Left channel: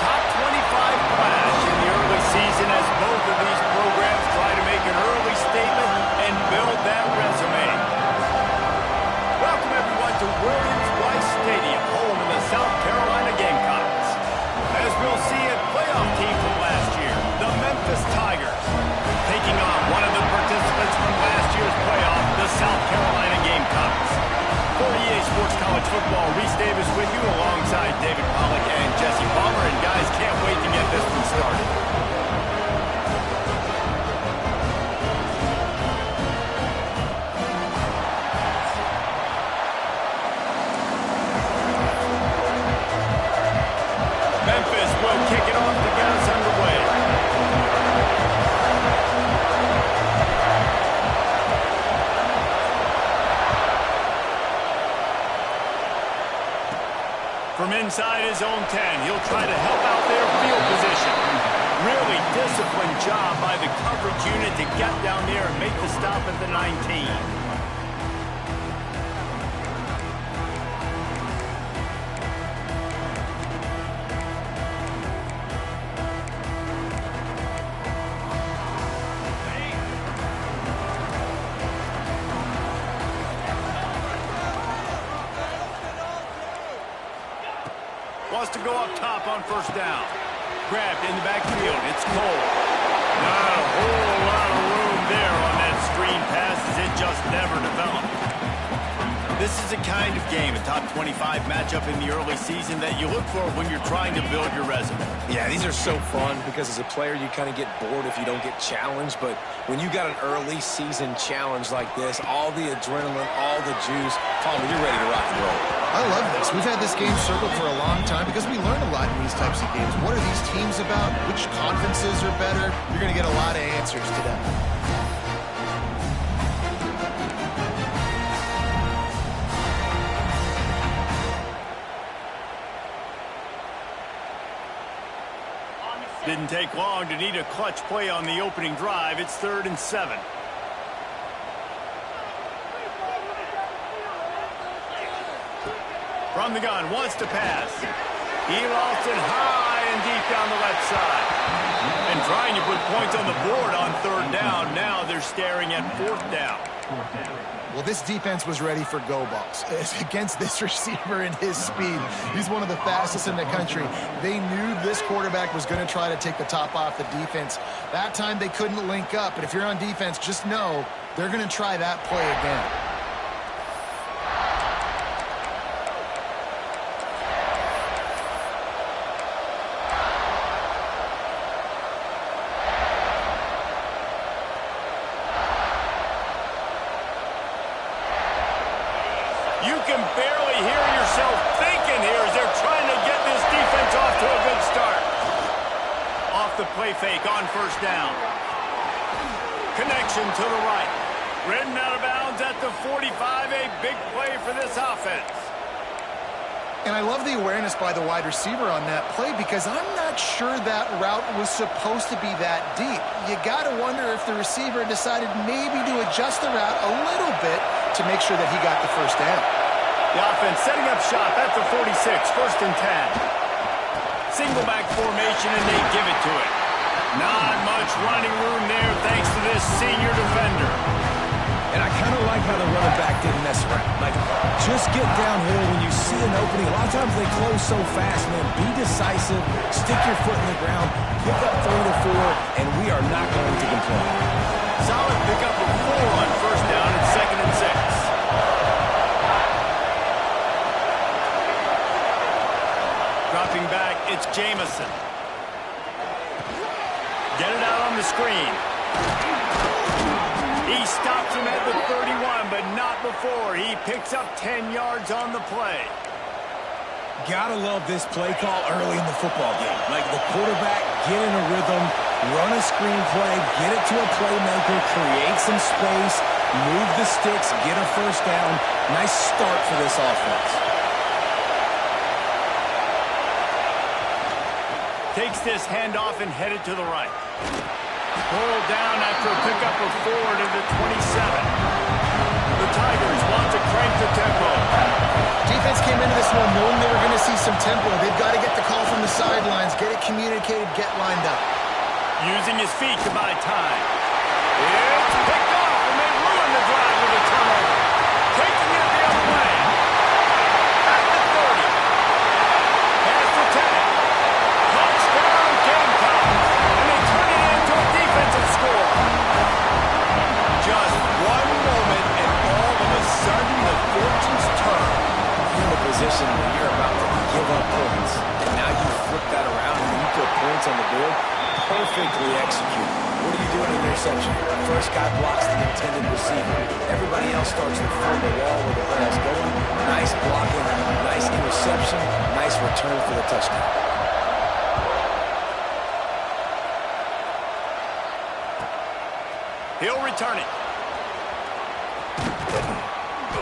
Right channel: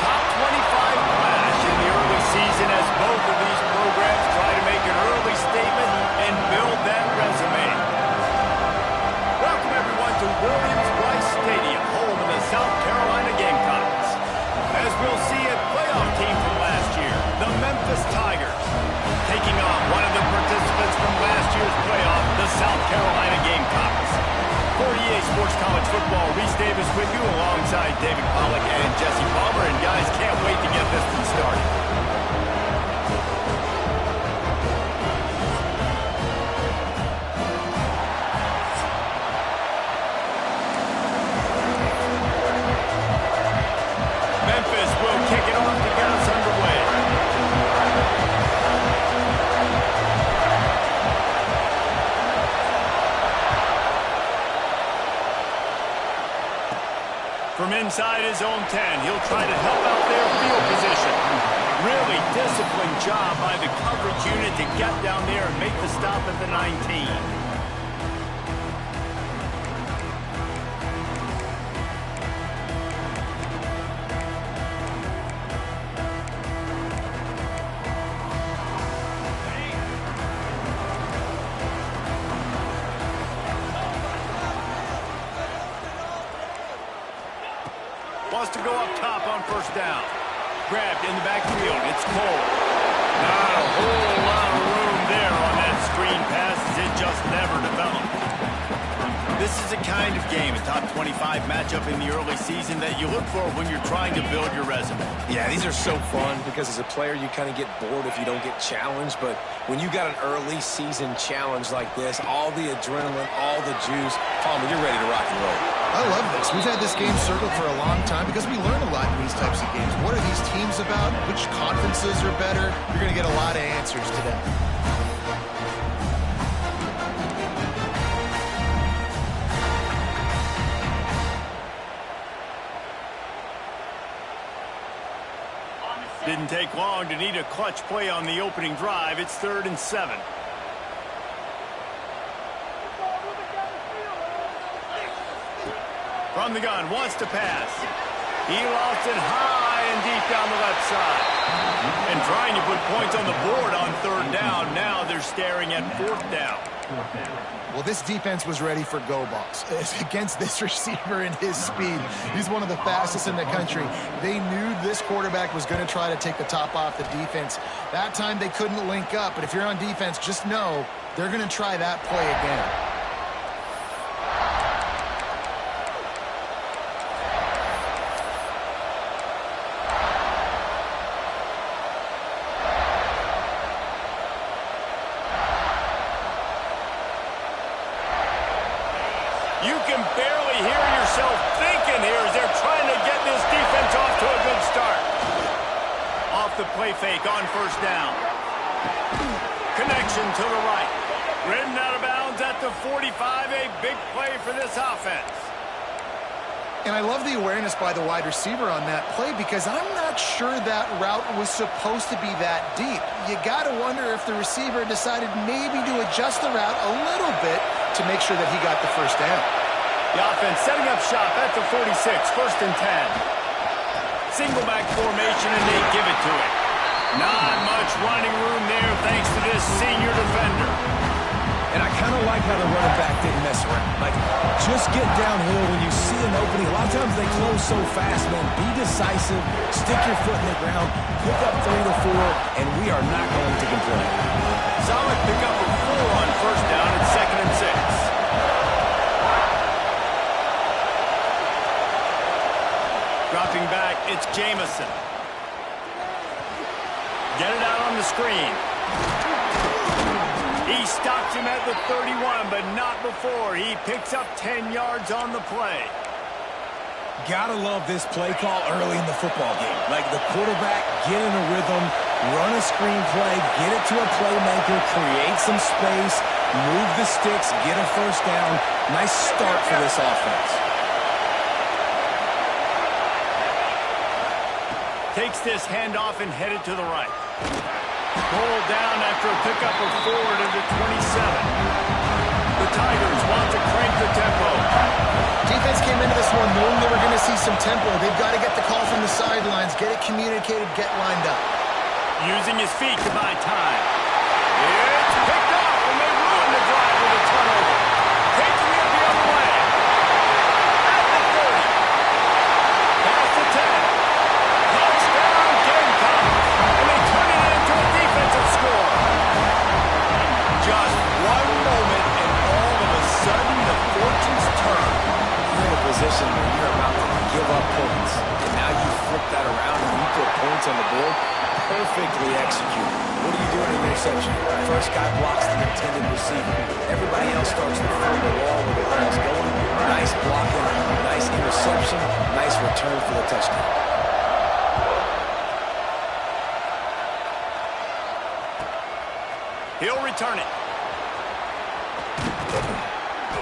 top 25 clash in the early season as both of these programs try to make an early statement and build that resume. Welcome, everyone, to Williams-Brice Stadium, home of the South Carolina Gamecocks. As we'll see, a playoff team from last year, the Memphis Tigers, taking on one of the participants from last year's playoff, the South Carolina Gamecocks. For EA Sports College Football, Reese Davis with you alongside David Pollack and Jesse Palmer. And guys, can't wait to get this one started. Memphis will kick it off to get us underway. From inside his own 10, he'll try to help out their field position. Really disciplined job by the coverage unit to get down there and make the stop at the 19. Wants to go up top on first down. Grabbed in the backfield. It's Cole. Not a whole lot of room there on that screen pass as it just never developed. This is a kind of game, a top 25 matchup in the early season that you look for when you're trying to build your resume. Yeah, these are so fun because as a player you kind of get bored if you don't get challenged, but when you got an early season challenge like this, all the adrenaline, all the juice, Palmer, you're ready to rock and roll. I love this. We've had this game circled for a long time because we learn a lot in these types of games. What are these teams about? Which conferences are better? You're going to get a lot of answers today. Didn't take long to need a clutch play on the opening drive. It's 3rd and 7. From the gun, wants to pass. He lost it high and deep down the left side. And trying to put points on the board on 3rd down. Now they're staring at 4th down. Well, this defense was ready for go balls. Against this receiver and his speed, he's one of the fastest in the country. They knew this quarterback was going to try to take the top off the defense. That time they couldn't link up, but if you're on defense, just know they're going to try that play again. You can barely hear yourself thinking here as they're trying to get this defense off to a good start. Off the play fake on first down. Connection to the right. Ridden out of bounds at the 45. A big play for this offense. And I love the awareness by the wide receiver on that play because I'm not sure that route was supposed to be that deep. You got to wonder if the receiver decided maybe to adjust the route a little bit to make sure that he got the first down. The offense setting up shop at the 46, 1st and 10. Single back formation, and they give it to it. Not much running room there thanks to this senior defender. And I kind of like how the running back didn't mess around. Like, just get downhill when you see an opening. A lot of times they close so fast, man. Be decisive, stick your foot in the ground, pick up 3 to 4, and we are not going to complain. Solid pickup of 4 on first down at 2nd and 6. Dropping back, it's Jamison. Get it out on the screen. He stops him at the 31, but not before. He picks up 10 yards on the play. Gotta love this play call early in the football game. Like the quarterback, get in a rhythm, run a screen play, get it to a playmaker, create some space, move the sticks, get a first down. Nice start for this offense. Takes this handoff and headed to the right. Pulled down after a pickup of 4 to the 27. The Tigers want to crank the tempo. Defense came into this one knowing they were going to see some tempo. They've got to get the call from the sidelines. Get it communicated, get lined up. Using his feet to buy time. It's picked off, and they ruin the drive with a turnover. Taking it the other way. At the 30. Past the 10. Touchdown Gamecocks. And they turn it into a defensive score. Just one moment, and all of a sudden, the fortunes turn. You're in a position where you're about to give up points, and now you flip that around and you put points on the board. Perfectly executed. What do you do in an interception? First guy blocks the intended receiver. Everybody else starts to form the wall where the ball's going. Nice blocking, nice interception, nice return for the touchdown. He'll return it.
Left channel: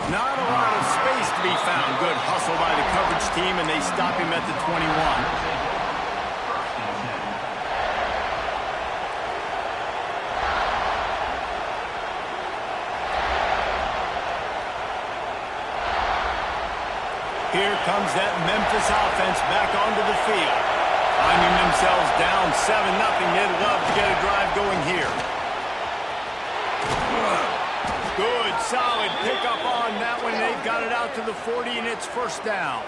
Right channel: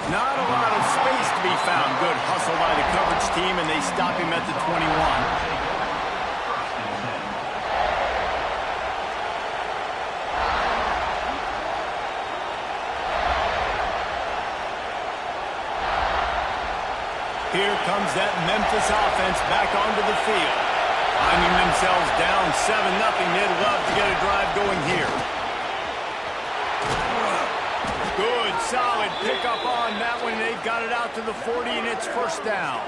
Not a lot of space to be found. Good hustle by the coverage team, and they stop him at the 21. Here comes that Memphis offense back onto the field. Finding themselves down 7-0, they'd love to get a drive going here. Good, solid pickup on that one. They've got it out to the 40, and it's first down.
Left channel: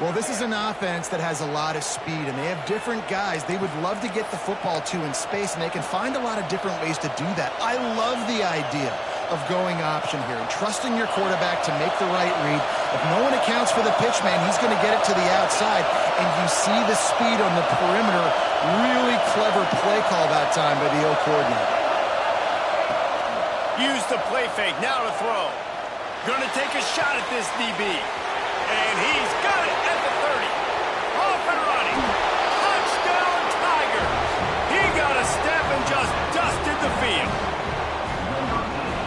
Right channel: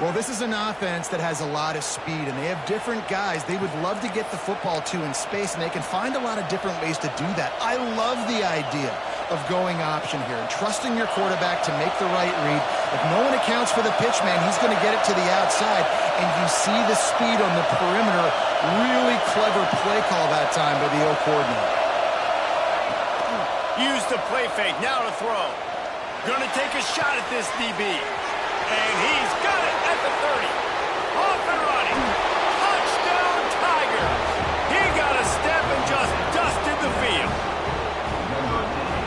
Well, this is an offense that has a lot of speed, and they have different guys they would love to get the football to in space, and they can find a lot of different ways to do that. I love the idea of going option here and trusting your quarterback to make the right read. If no one accounts for the pitch man, he's going to get it to the outside, and you see the speed on the perimeter. Really clever play call that time by the O coordinator. Use the play fake, now to throw. Gonna take a shot at this DB. And he's got it at the 30. Off and running. Touchdown Tigers. He got a step and just dusted the field.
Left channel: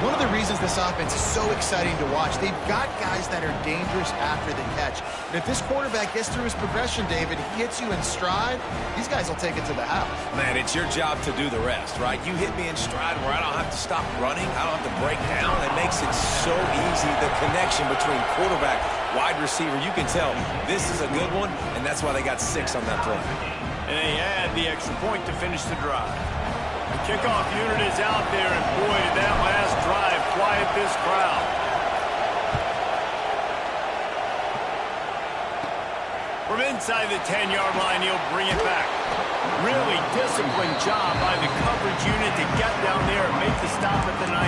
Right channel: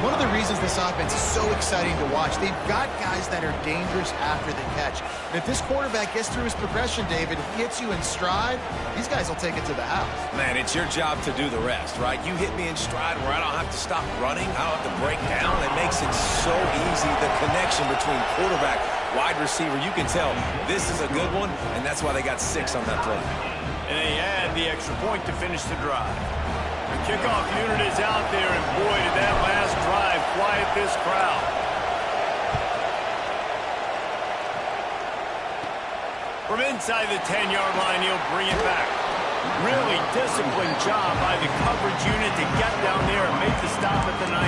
One of the reasons this offense is so exciting to watch, they've got guys that are dangerous after the catch. And if this quarterback gets through his progression, David, he hits you in stride, these guys will take it to the house. Man, it's your job to do the rest, right? You hit me in stride where I don't have to stop running. I don't have to break down. It makes it so easy. The connection between quarterback, wide receiver, you can tell this is a good one, and that's why they got 6 on that play. And they add the extra point to finish the drive. The kickoff unit is out there, and boy, did that last drive quiet this crowd. From inside the 10-yard line, he'll bring it back. Really disciplined job by the coverage unit to get down there and make the stop at the 19.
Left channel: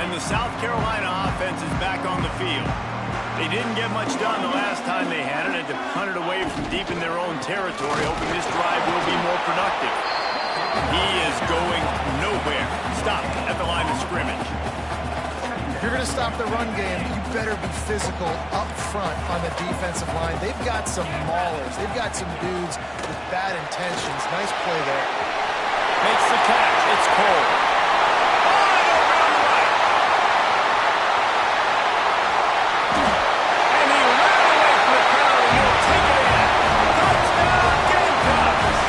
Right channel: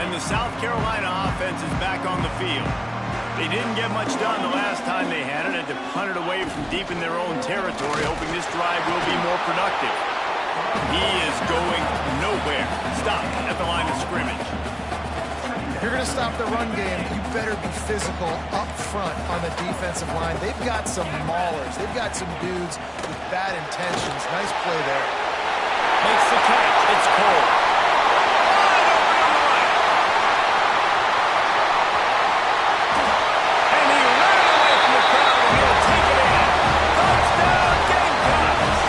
And the South Carolina offense is back on the field. They didn't get much done the last time they had it, and to punt it away from deep in their own territory, hoping this drive will be more productive. He is going nowhere. Stop at the line of scrimmage. If you're going to stop the run game, you better be physical up front on the defensive line. They've got some maulers. They've got some dudes with bad intentions. Nice play there. Makes the catch. It's Cole. Wide open on the right. And he ran away from the crowd, and he'll take it in. Touchdown, Gamecocks.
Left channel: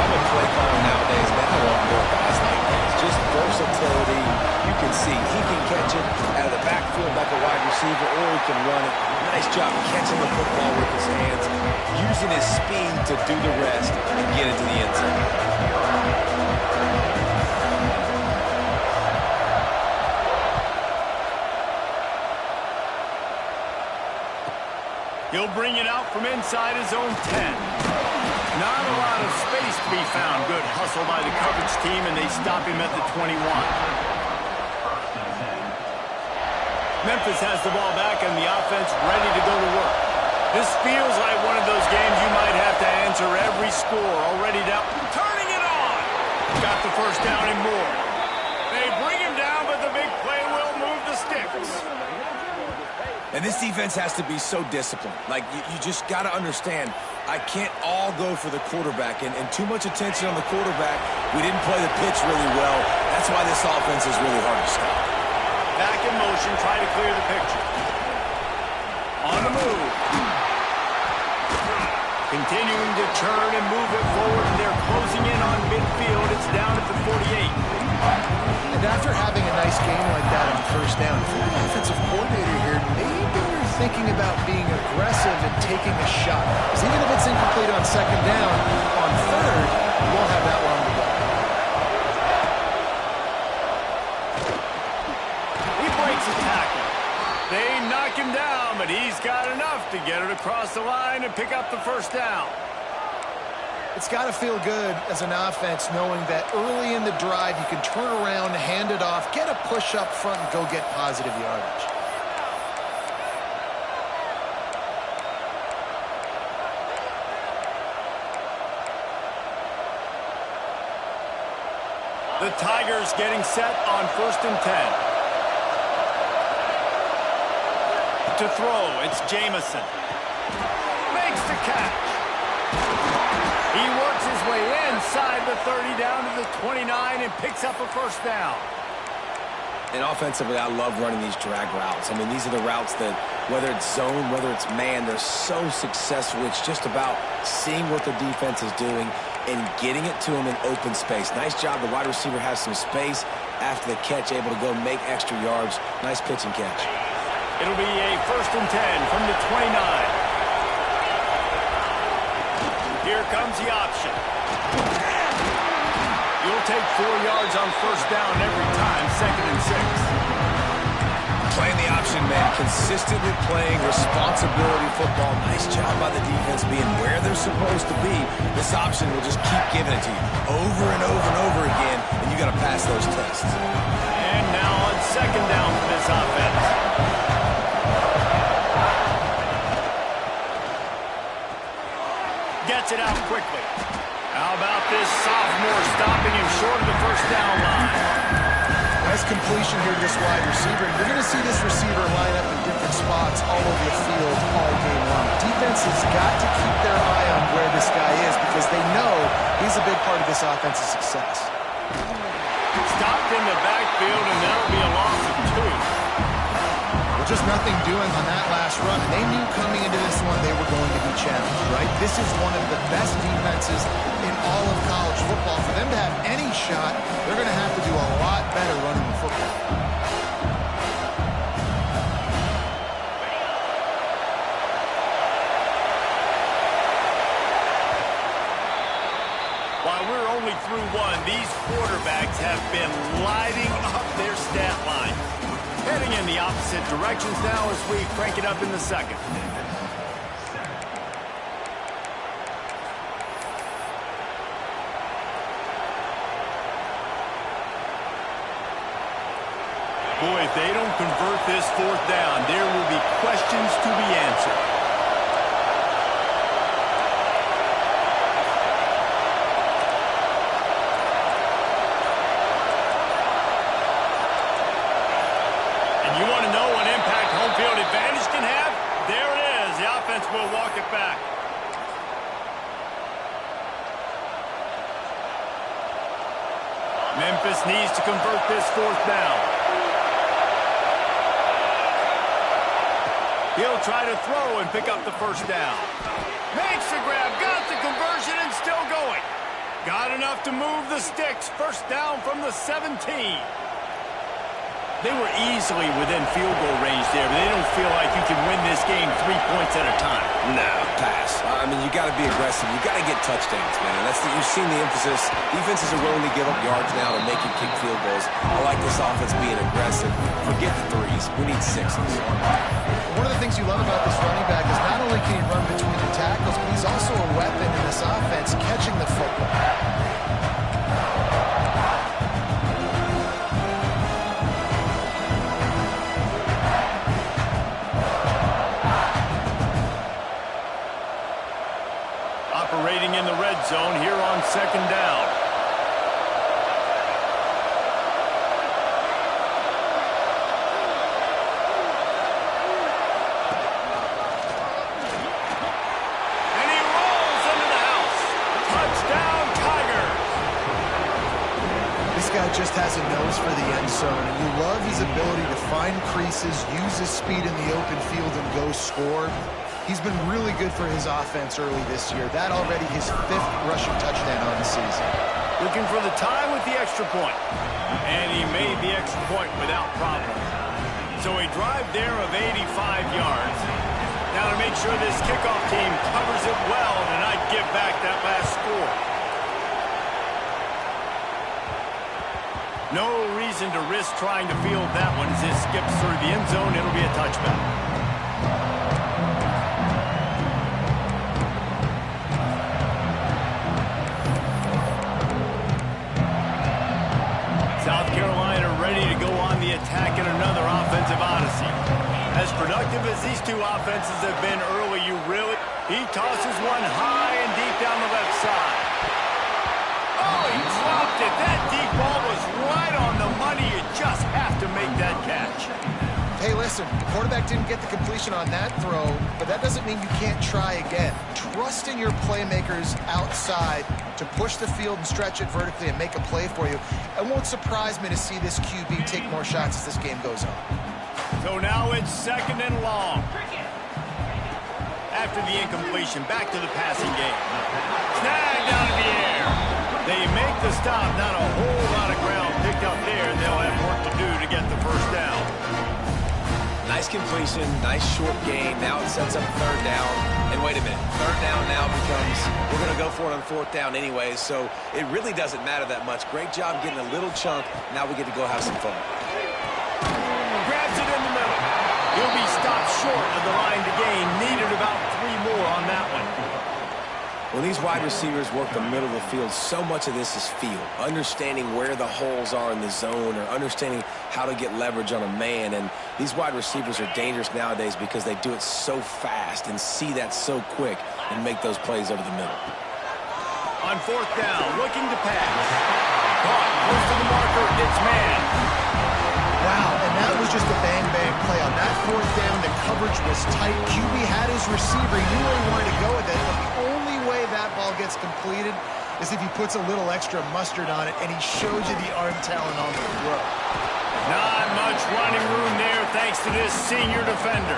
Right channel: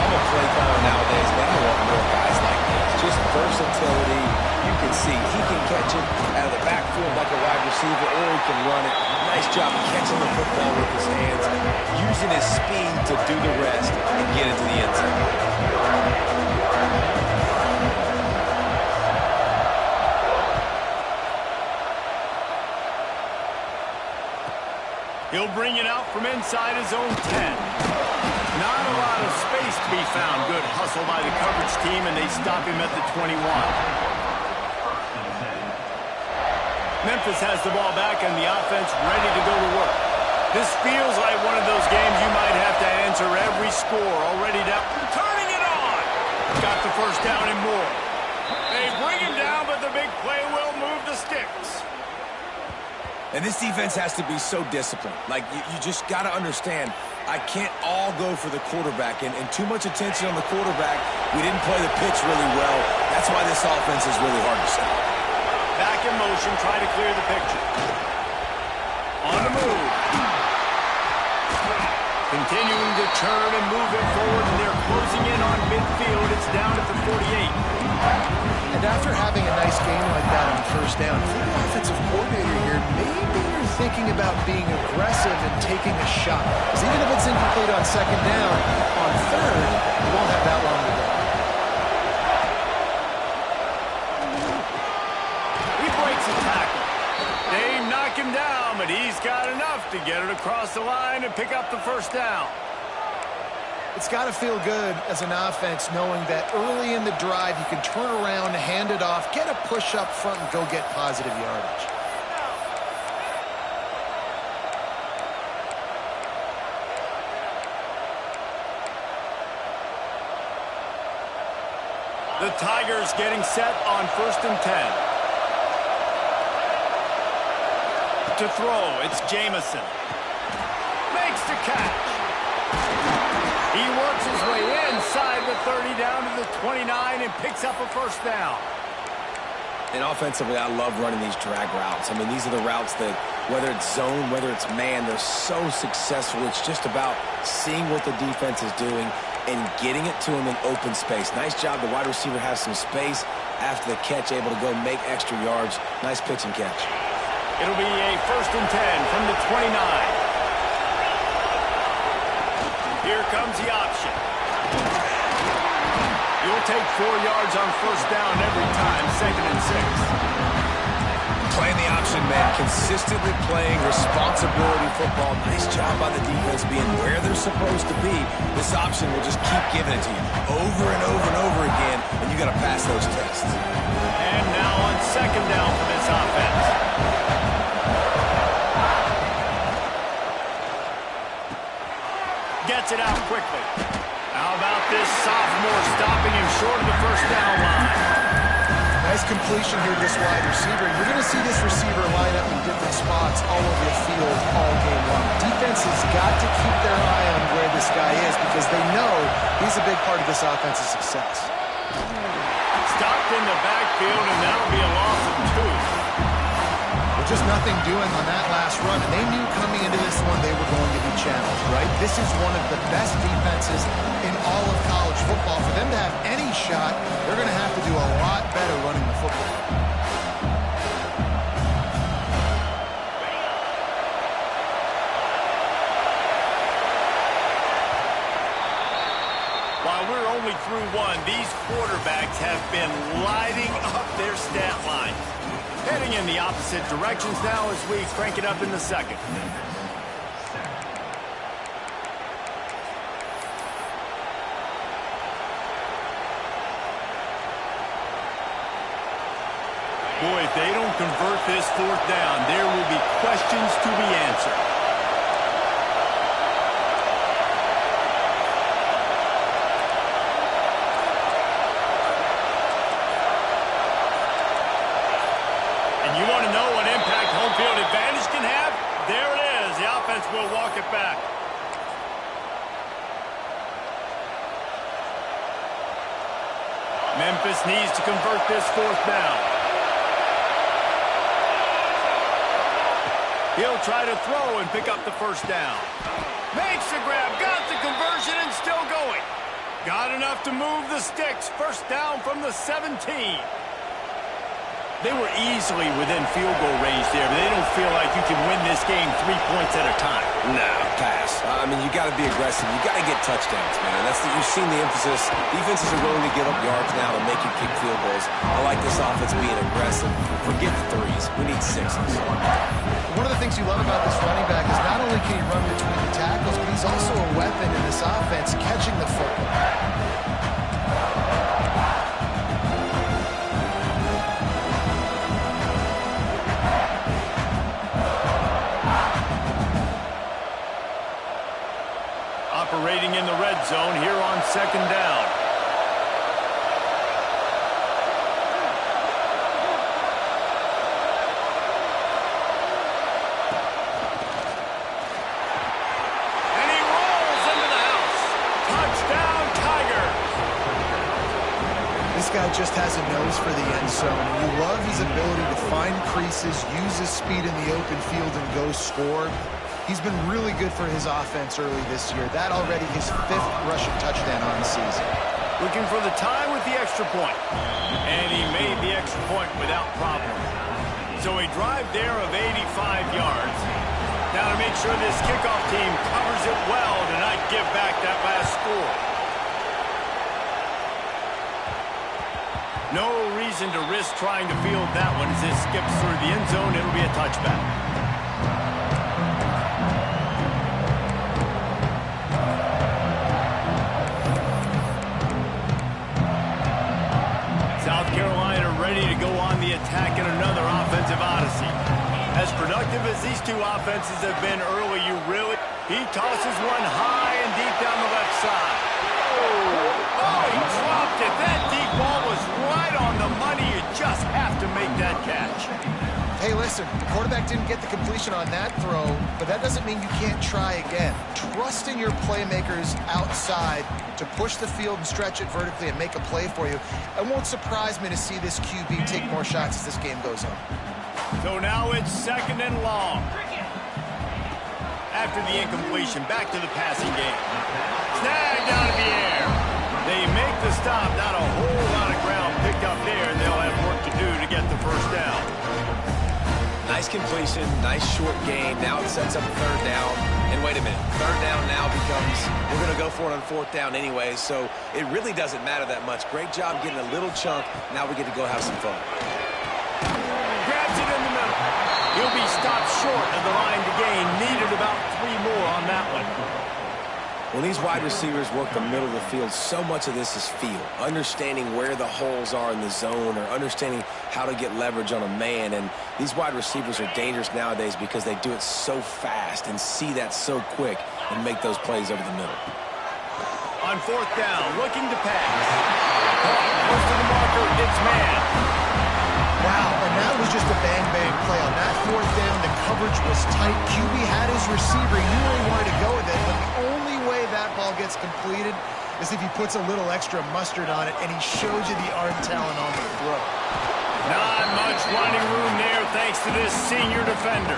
I'm a play caller nowadays, man. I want more guys like this. Just versatility. You can see he can catch it out of the backfield like a wide receiver, or he can run it. Nice job catching the football with his hands, using his speed to do the rest and get it to the end zone. He'll bring it out from inside his own 10. Not a lot of space to be found. Good hustle by the coverage team, and they stop him at the 21. Memphis has the ball back, and the offense ready to go to work. This feels like one of those games you might have to answer every score. Already down. Turning it on. Got the first down and more. They bring him down, but the big play will move the sticks. And this defense has to be so disciplined. Like, you just got to understand, I can't all go for the quarterback. And too much attention on the quarterback. We didn't play the pitch really well. That's why this offense is really hard to stop. Back in motion, try to clear the picture. On the move. Continuing to turn and move it forward, and they're closing in on midfield. It's down at the 48. And after having a nice game like that on first down, if you're the offensive coordinator here, maybe you're thinking about being aggressive and taking a shot. Because even if it's incomplete on second down, on third, you won't have that long to go. He breaks a tackle. They knock him down, but he's got enough to get it across the line and pick up the first down. It's got to feel good as an offense knowing that early in the drive you can turn around, hand it off, get a push up front, and go get positive yardage. The Tigers getting set on 1st and 10. To throw, it's Jamison. Makes the catch. He works his way inside the 30 down to the 29 and picks up a first down. And offensively, I love running these drag routes. I mean, these are the routes that, whether it's zone, whether it's man, they're so successful. It's just about seeing what the defense is doing and getting it to him in open space. Nice job. The wide receiver has some space after the catch, able to go make extra yards. Nice pitch and catch. It'll be a 1st and 10 from the 29. Here comes the option. You'll take 4 yards on first down every time, 2nd and 6. Playing the option, man. Consistently playing responsibility football. Nice job by the defense being where they're supposed to be. This option will just keep giving it to you over and over and over again, and you got to pass those tests. And now on 2nd down for this offense. Gets it out quickly. How about this sophomore stopping him short of the first down line? Nice completion here to this wide receiver. You're going to see this receiver line up in different spots all over the field all game long. Defense has got to keep their eye on where this guy is because they know he's a big part of this offense's success. Stopped in the backfield, and that'll be a loss of 2. Well, just nothing doing on that last run, and they knew coming into this one they were going to be challenged, right? This is one of the best defenses in all of college football. For them to have any shot, they're going to have to do a lot better running the football. While we're only through one, these quarterbacks have been lighting up their stat lines. Heading in the opposite directions now as we crank it up in the 2nd. Boy, if they don't convert this 4th down, there will be questions to be answered. You want to know what impact home field advantage can have? There it is. The offense will walk it back. Memphis needs to convert this 4th down. He'll try to throw and pick up the first down. Makes the grab, got the conversion, and still going. Got enough to move the sticks. First down from the 17. They were easily within field goal range there, but they don't feel like you can win this game 3 points at a time. No, pass. I mean, you got to be aggressive. You got to get touchdowns, man. You've seen the emphasis. Defenses are willing to give up yards now to make you kick field goals. I like this offense being aggressive. Forget the 3s. We need 6s. One of the things you love about this running back is not only can he run between the tackles, but he's also a weapon in this offense catching the football. Operating in the red zone here on 2nd down. And he rolls into the house. Touchdown, Tigers. This guy just has a nose for the end zone, and you love his ability to find creases, use his speed in the open field, and go score. He's been really good for his offense early this year. That already his 5th rushing touchdown on the season. Looking for the tie with the extra point. And he made the extra point without problem. So a drive there of 85 yards. Now to make sure this kickoff team covers it well to not give back that last score. No reason to risk trying to field that one as this skips through the end zone. It'll be a touchback. South Carolina ready to go on the attack in another offensive odyssey. As productive as these two offenses have been early, he tosses one high and deep down the left side. Oh, he dropped it. That deep ball was right on the money. You just have to make that catch. Hey, listen, the quarterback didn't get the completion on that throw, but that doesn't mean you can't try again. Trust in your playmakers outside to push the field and stretch it vertically and make a play for you. It won't surprise me to see this QB take more shots as this game goes on. So now it's 2nd and long. After the incompletion, back to the passing game. Snag down in the air. They make the stop. Not a whole lot of ground picked up there, and they'll have work to do to get the first down. Nice completion, nice short gain. Now it sets up 3rd down. And wait a minute, 3rd down now becomes, we're going to go for it on 4th down anyways, so it really doesn't matter that much. Great job getting a little chunk. Now we get to go have some fun. Grabs it in the middle. He'll be stopped short of the line to gain. Needed about 3 more on that one. When these wide receivers work the middle of the field, so much of this is feel. Understanding where the holes are in the zone or understanding how to get leverage on a man. And these wide receivers are dangerous nowadays because they do it so fast and see that so quick and make those plays over the middle. On 4th down, looking to pass. Caught close to the marker. It's man. Wow, and that was just a bang-bang play. On that 4th down, the coverage was tight. QB had his receiver. He knew where he wanted to go with it, but the only way that ball gets completed is if he puts a little extra mustard on it, and he showed you the arm talent on the throw. Not much running room there thanks to this senior defender.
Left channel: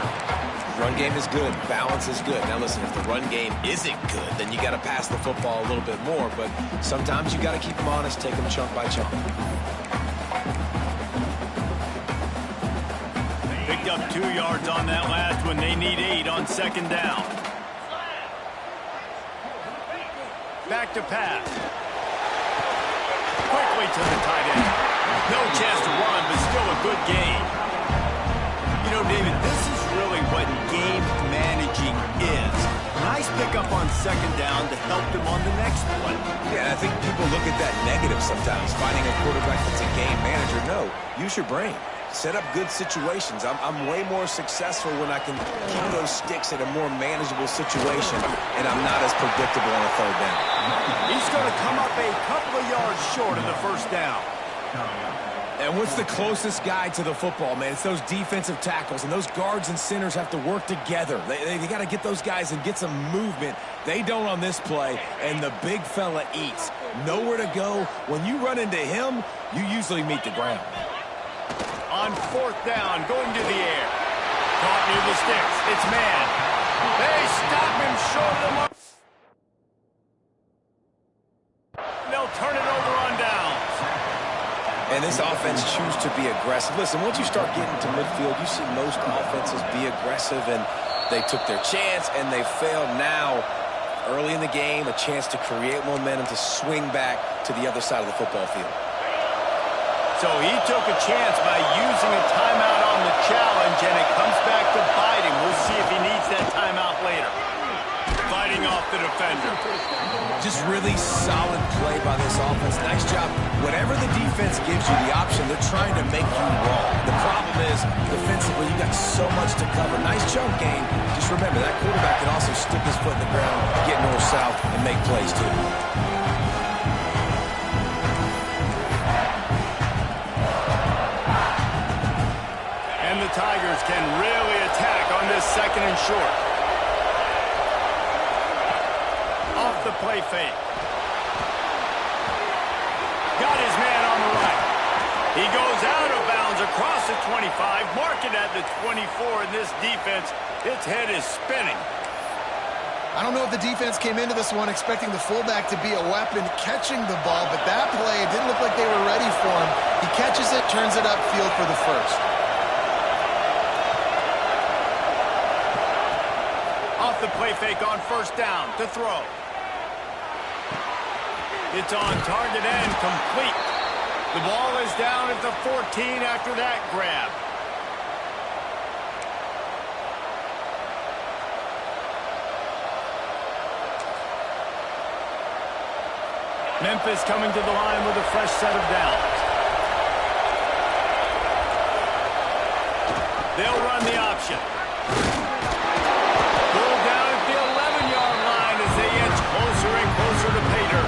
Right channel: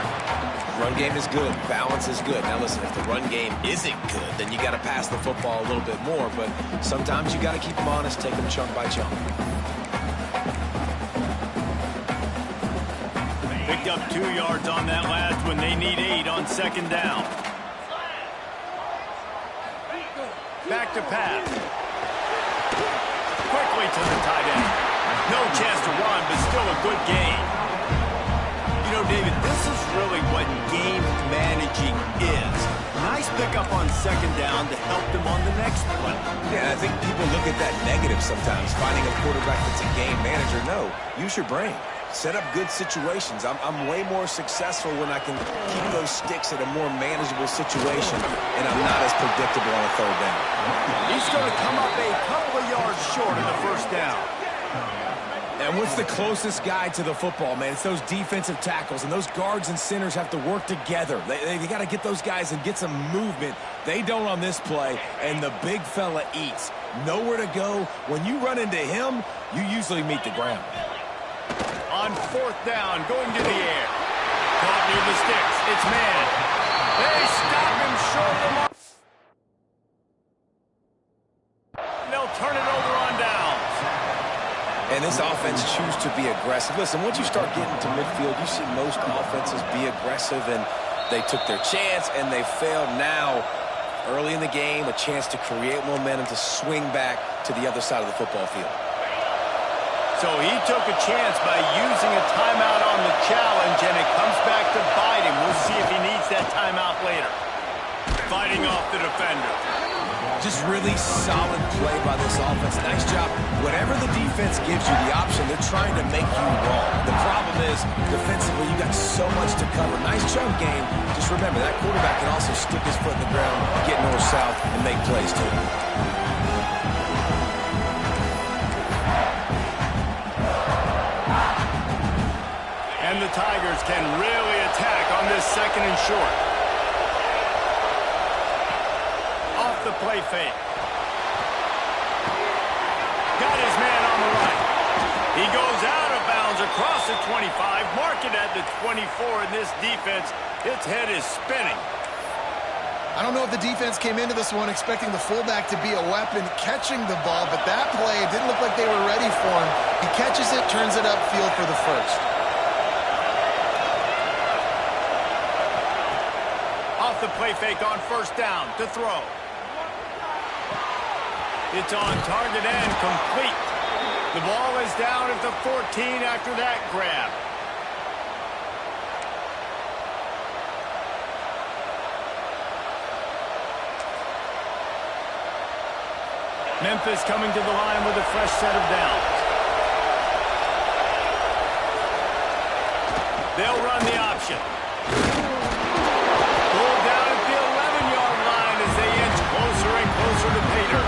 Run game is good. Balance is good. Now, listen, if the run game isn't good, then you got to pass the football a little bit more, but sometimes you got to keep them honest, take them chunk by chunk. Picked up 2 yards on that last one. They need 8 on 2nd down. Back to pass. Quickly to the tight end. No chance to run, but still a good gain. You know, David, this is really what game managing is. Nice pickup on 2nd down to help them on the next play. Yeah, I think people look at that negative sometimes, finding a quarterback that's a game manager. No, use your brain. Set up good situations. I'm way more successful when I can keep those sticks in a more manageable situation, and I'm not as predictable on a 3rd down. He's going to come up a couple of yards short of the 1st down. And what's the closest guy to the football, man? It's those defensive tackles, and those guards and centers have to work together. They got to get those guys and get some movement. They don't on this play, and the big fella eats. Nowhere to go. When you run into him, you usually meet the ground. On 4th down, going to the air. Caught near the sticks. It's man. They stop him short of the mark. They'll turn it over on downs. And this offense chooses to be aggressive. Listen, once you start getting to midfield, you see most offenses be aggressive, and they took their chance, and they failed. Now, early in the game, a chance to create momentum to swing back to the other side of the football field. So he took a chance by using a timeout on the challenge, and it comes back to bite him. We'll see if he needs that timeout later. Fighting off the defender. Just really solid play by this offense. Nice job. Whatever the defense gives you the option, they're trying to make you wrong. The problem is, defensively, you got so much to cover. Nice chunk game. Just remember, that quarterback can also stick his foot in the ground, get north-south, and make plays too. And the Tigers can really attack on this 2nd and short. Off the play fake. Got his man on the right. He goes out of bounds across the 25, mark it at the 24, and this defense, its head is spinning. I don't know if the defense came into this one expecting the fullback to be a weapon catching the ball, but that play, it didn't look like they were ready for him. He catches it, turns it upfield for the first. Off the play fake on first down to throw. It's on target and complete. The ball is down at the 14 after that grab. Memphis coming to the line with a fresh set of downs. They'll run the option. Pull down at the 11-yard line as they inch closer and closer to pay dirt.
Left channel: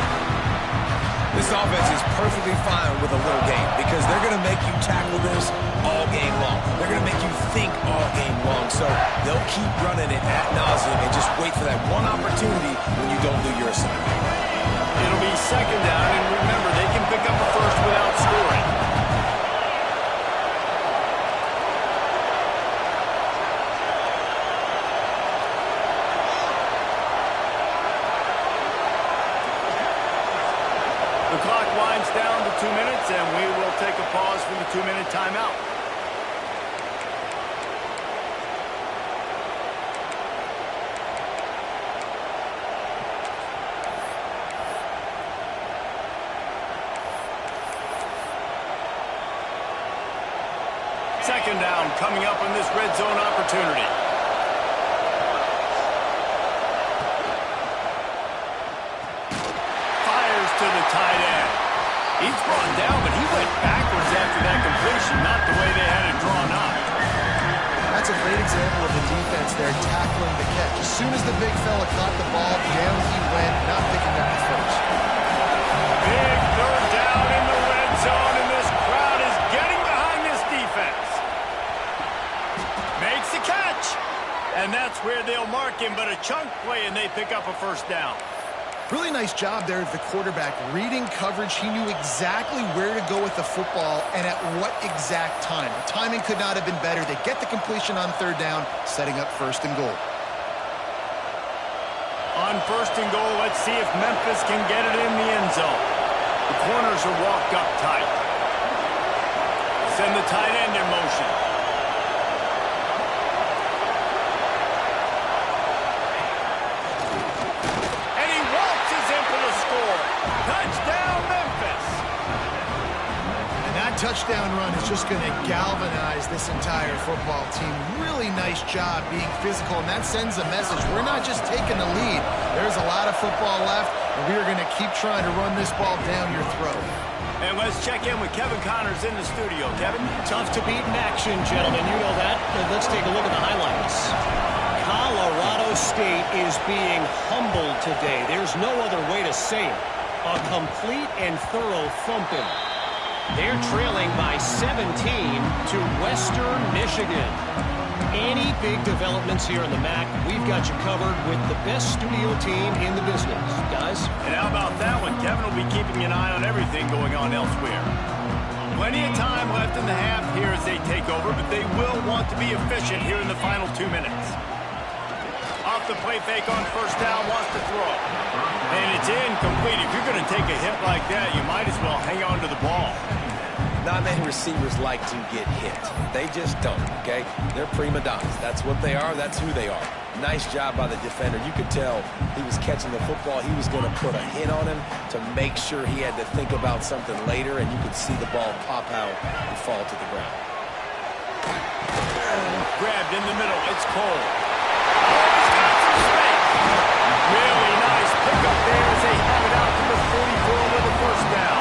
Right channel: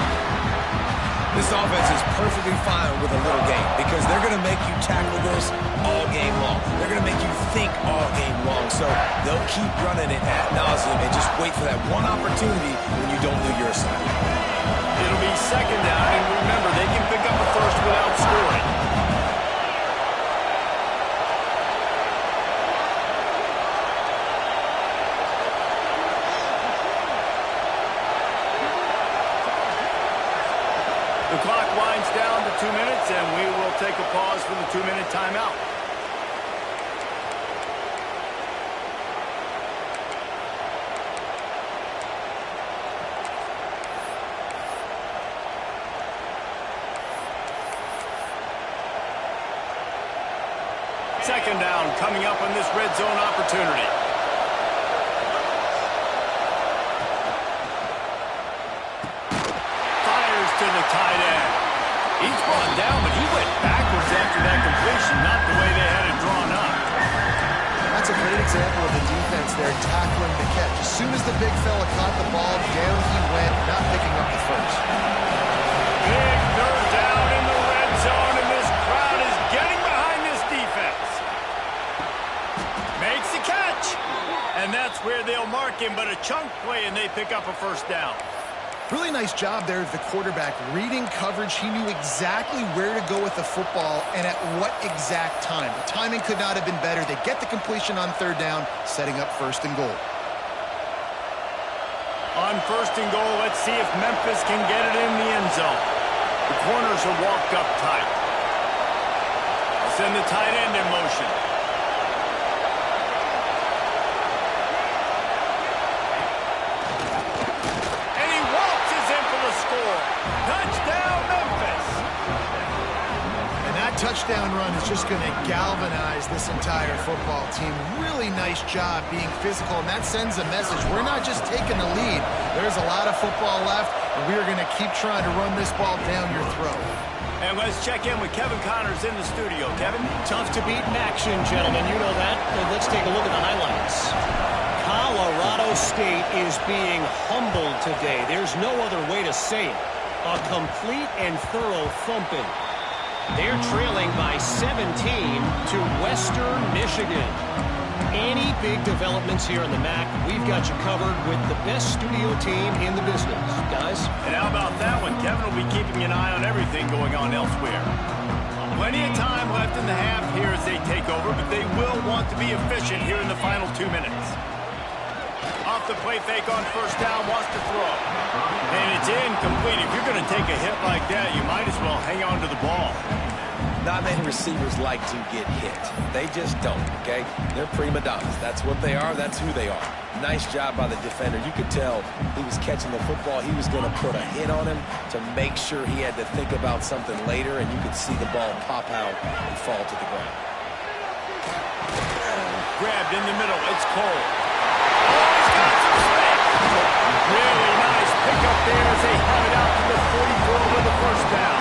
This offense is perfectly fine with a little game because they're going to make you tackle this all game long. They're going to make you think all game long. So they'll keep running it ad nauseum and just wait for that one opportunity when you don't do your assignment. It'll be second down, and remember, they can pick up a first without scoring. The clock winds down to 2 minutes, and we will take a pause for the 2-minute timeout. Second down coming up on this red zone opportunity. Fires to the tight end. He's brought down, but he went backwards after that completion, not the way they had it drawn up. That's a great example of the defense there tackling the catch. As soon as the big fella caught the ball, down he went, not picking up the first. Big third down in the red zone, and this crowd is getting behind this defense. Makes the catch. And that's where they'll mark him, but a chunk play, and they pick up a first down. Really nice job there of the quarterback. Reading coverage, he knew exactly where to go with the football and at what exact time. The timing could not have been better. They get the completion on third down, setting up first and goal. On first and goal, let's see if Memphis can get it in the end zone. The corners are walked up tight. They'll send the tight end in motion. Touchdown, Memphis! And that touchdown run is just going to galvanize this entire football team. Really nice job being physical, and that sends a message. We're not just taking the lead. There's a lot of football left, and we are going to keep trying to run this ball down your throat. And let's check in with Kevin Connors in the studio. Kevin? Tough to beat in action, gentlemen. You know that. Let's take a look at the highlights. Colorado State is being humbled today. There's no other way to say it. A complete and thorough thumping. They're trailing by 17 to Western Michigan. Any big developments here in the MAC, we've got you covered with the best studio team in the business. Guys? And how about that one? Kevin will be keeping an eye on everything going on elsewhere. Plenty of time left in the half here as they take over, but they will want to be efficient here in the final 2 minutes. Off the play fake on first down, wants to throw. And it's incomplete. If you're going to take a hit like that, you might as well hang on to the ball. Not many receivers like to get hit. They just don't, okay? They're prima donnas. That's what they are. That's who they are. Nice job by the defender. You could tell he was catching the football. He was going to put a hit on him to make sure he had to think about something later, and you could see the ball pop out and fall to the ground. Grabbed in the middle. It's Cole. Oh, he's got some space. Really nice pickup there as they have it out to the 44 with the first down.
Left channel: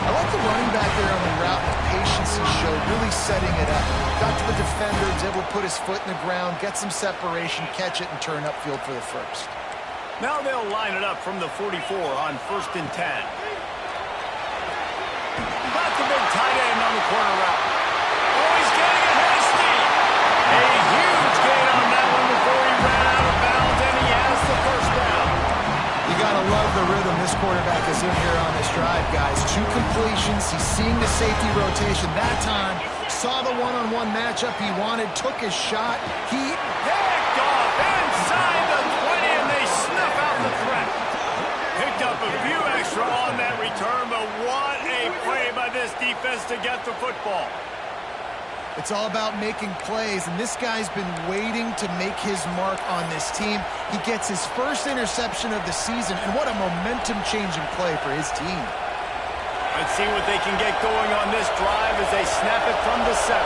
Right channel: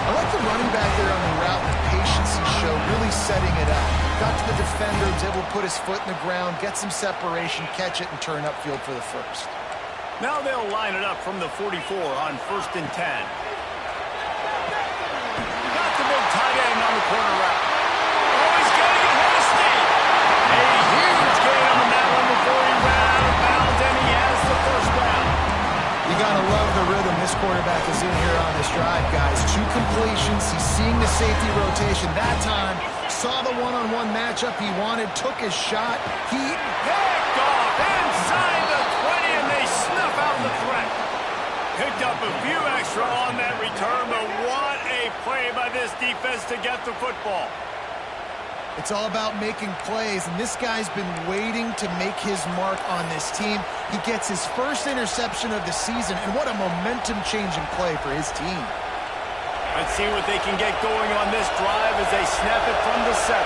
I like the running back there on the route, the patience he showed, really setting it up. Got to the defender, was able to put his foot in the ground, get some separation, catch it, and turn upfield for the first. Now they'll line it up from the 44 on first and 10. Got the big tight end on the corner route. Oh, he's getting ahead of steam. A huge gain on that one before he ran out of bounds, and he has the first down. You got to love the rhythm this quarterback is in here on this drive, guys. 2 completions. He's seeing the safety rotation. That time, saw the one-on-one matchup he wanted, took his shot. He picked off inside the 20. Picked up a few extra on that return, but what a play by this defense to get the football. It's all about making plays, and this guy's been waiting to make his mark on this team. He gets his first interception of the season, and what a momentum-changing play for his team. Let's see what they can get going on this drive as they snap it from the 7.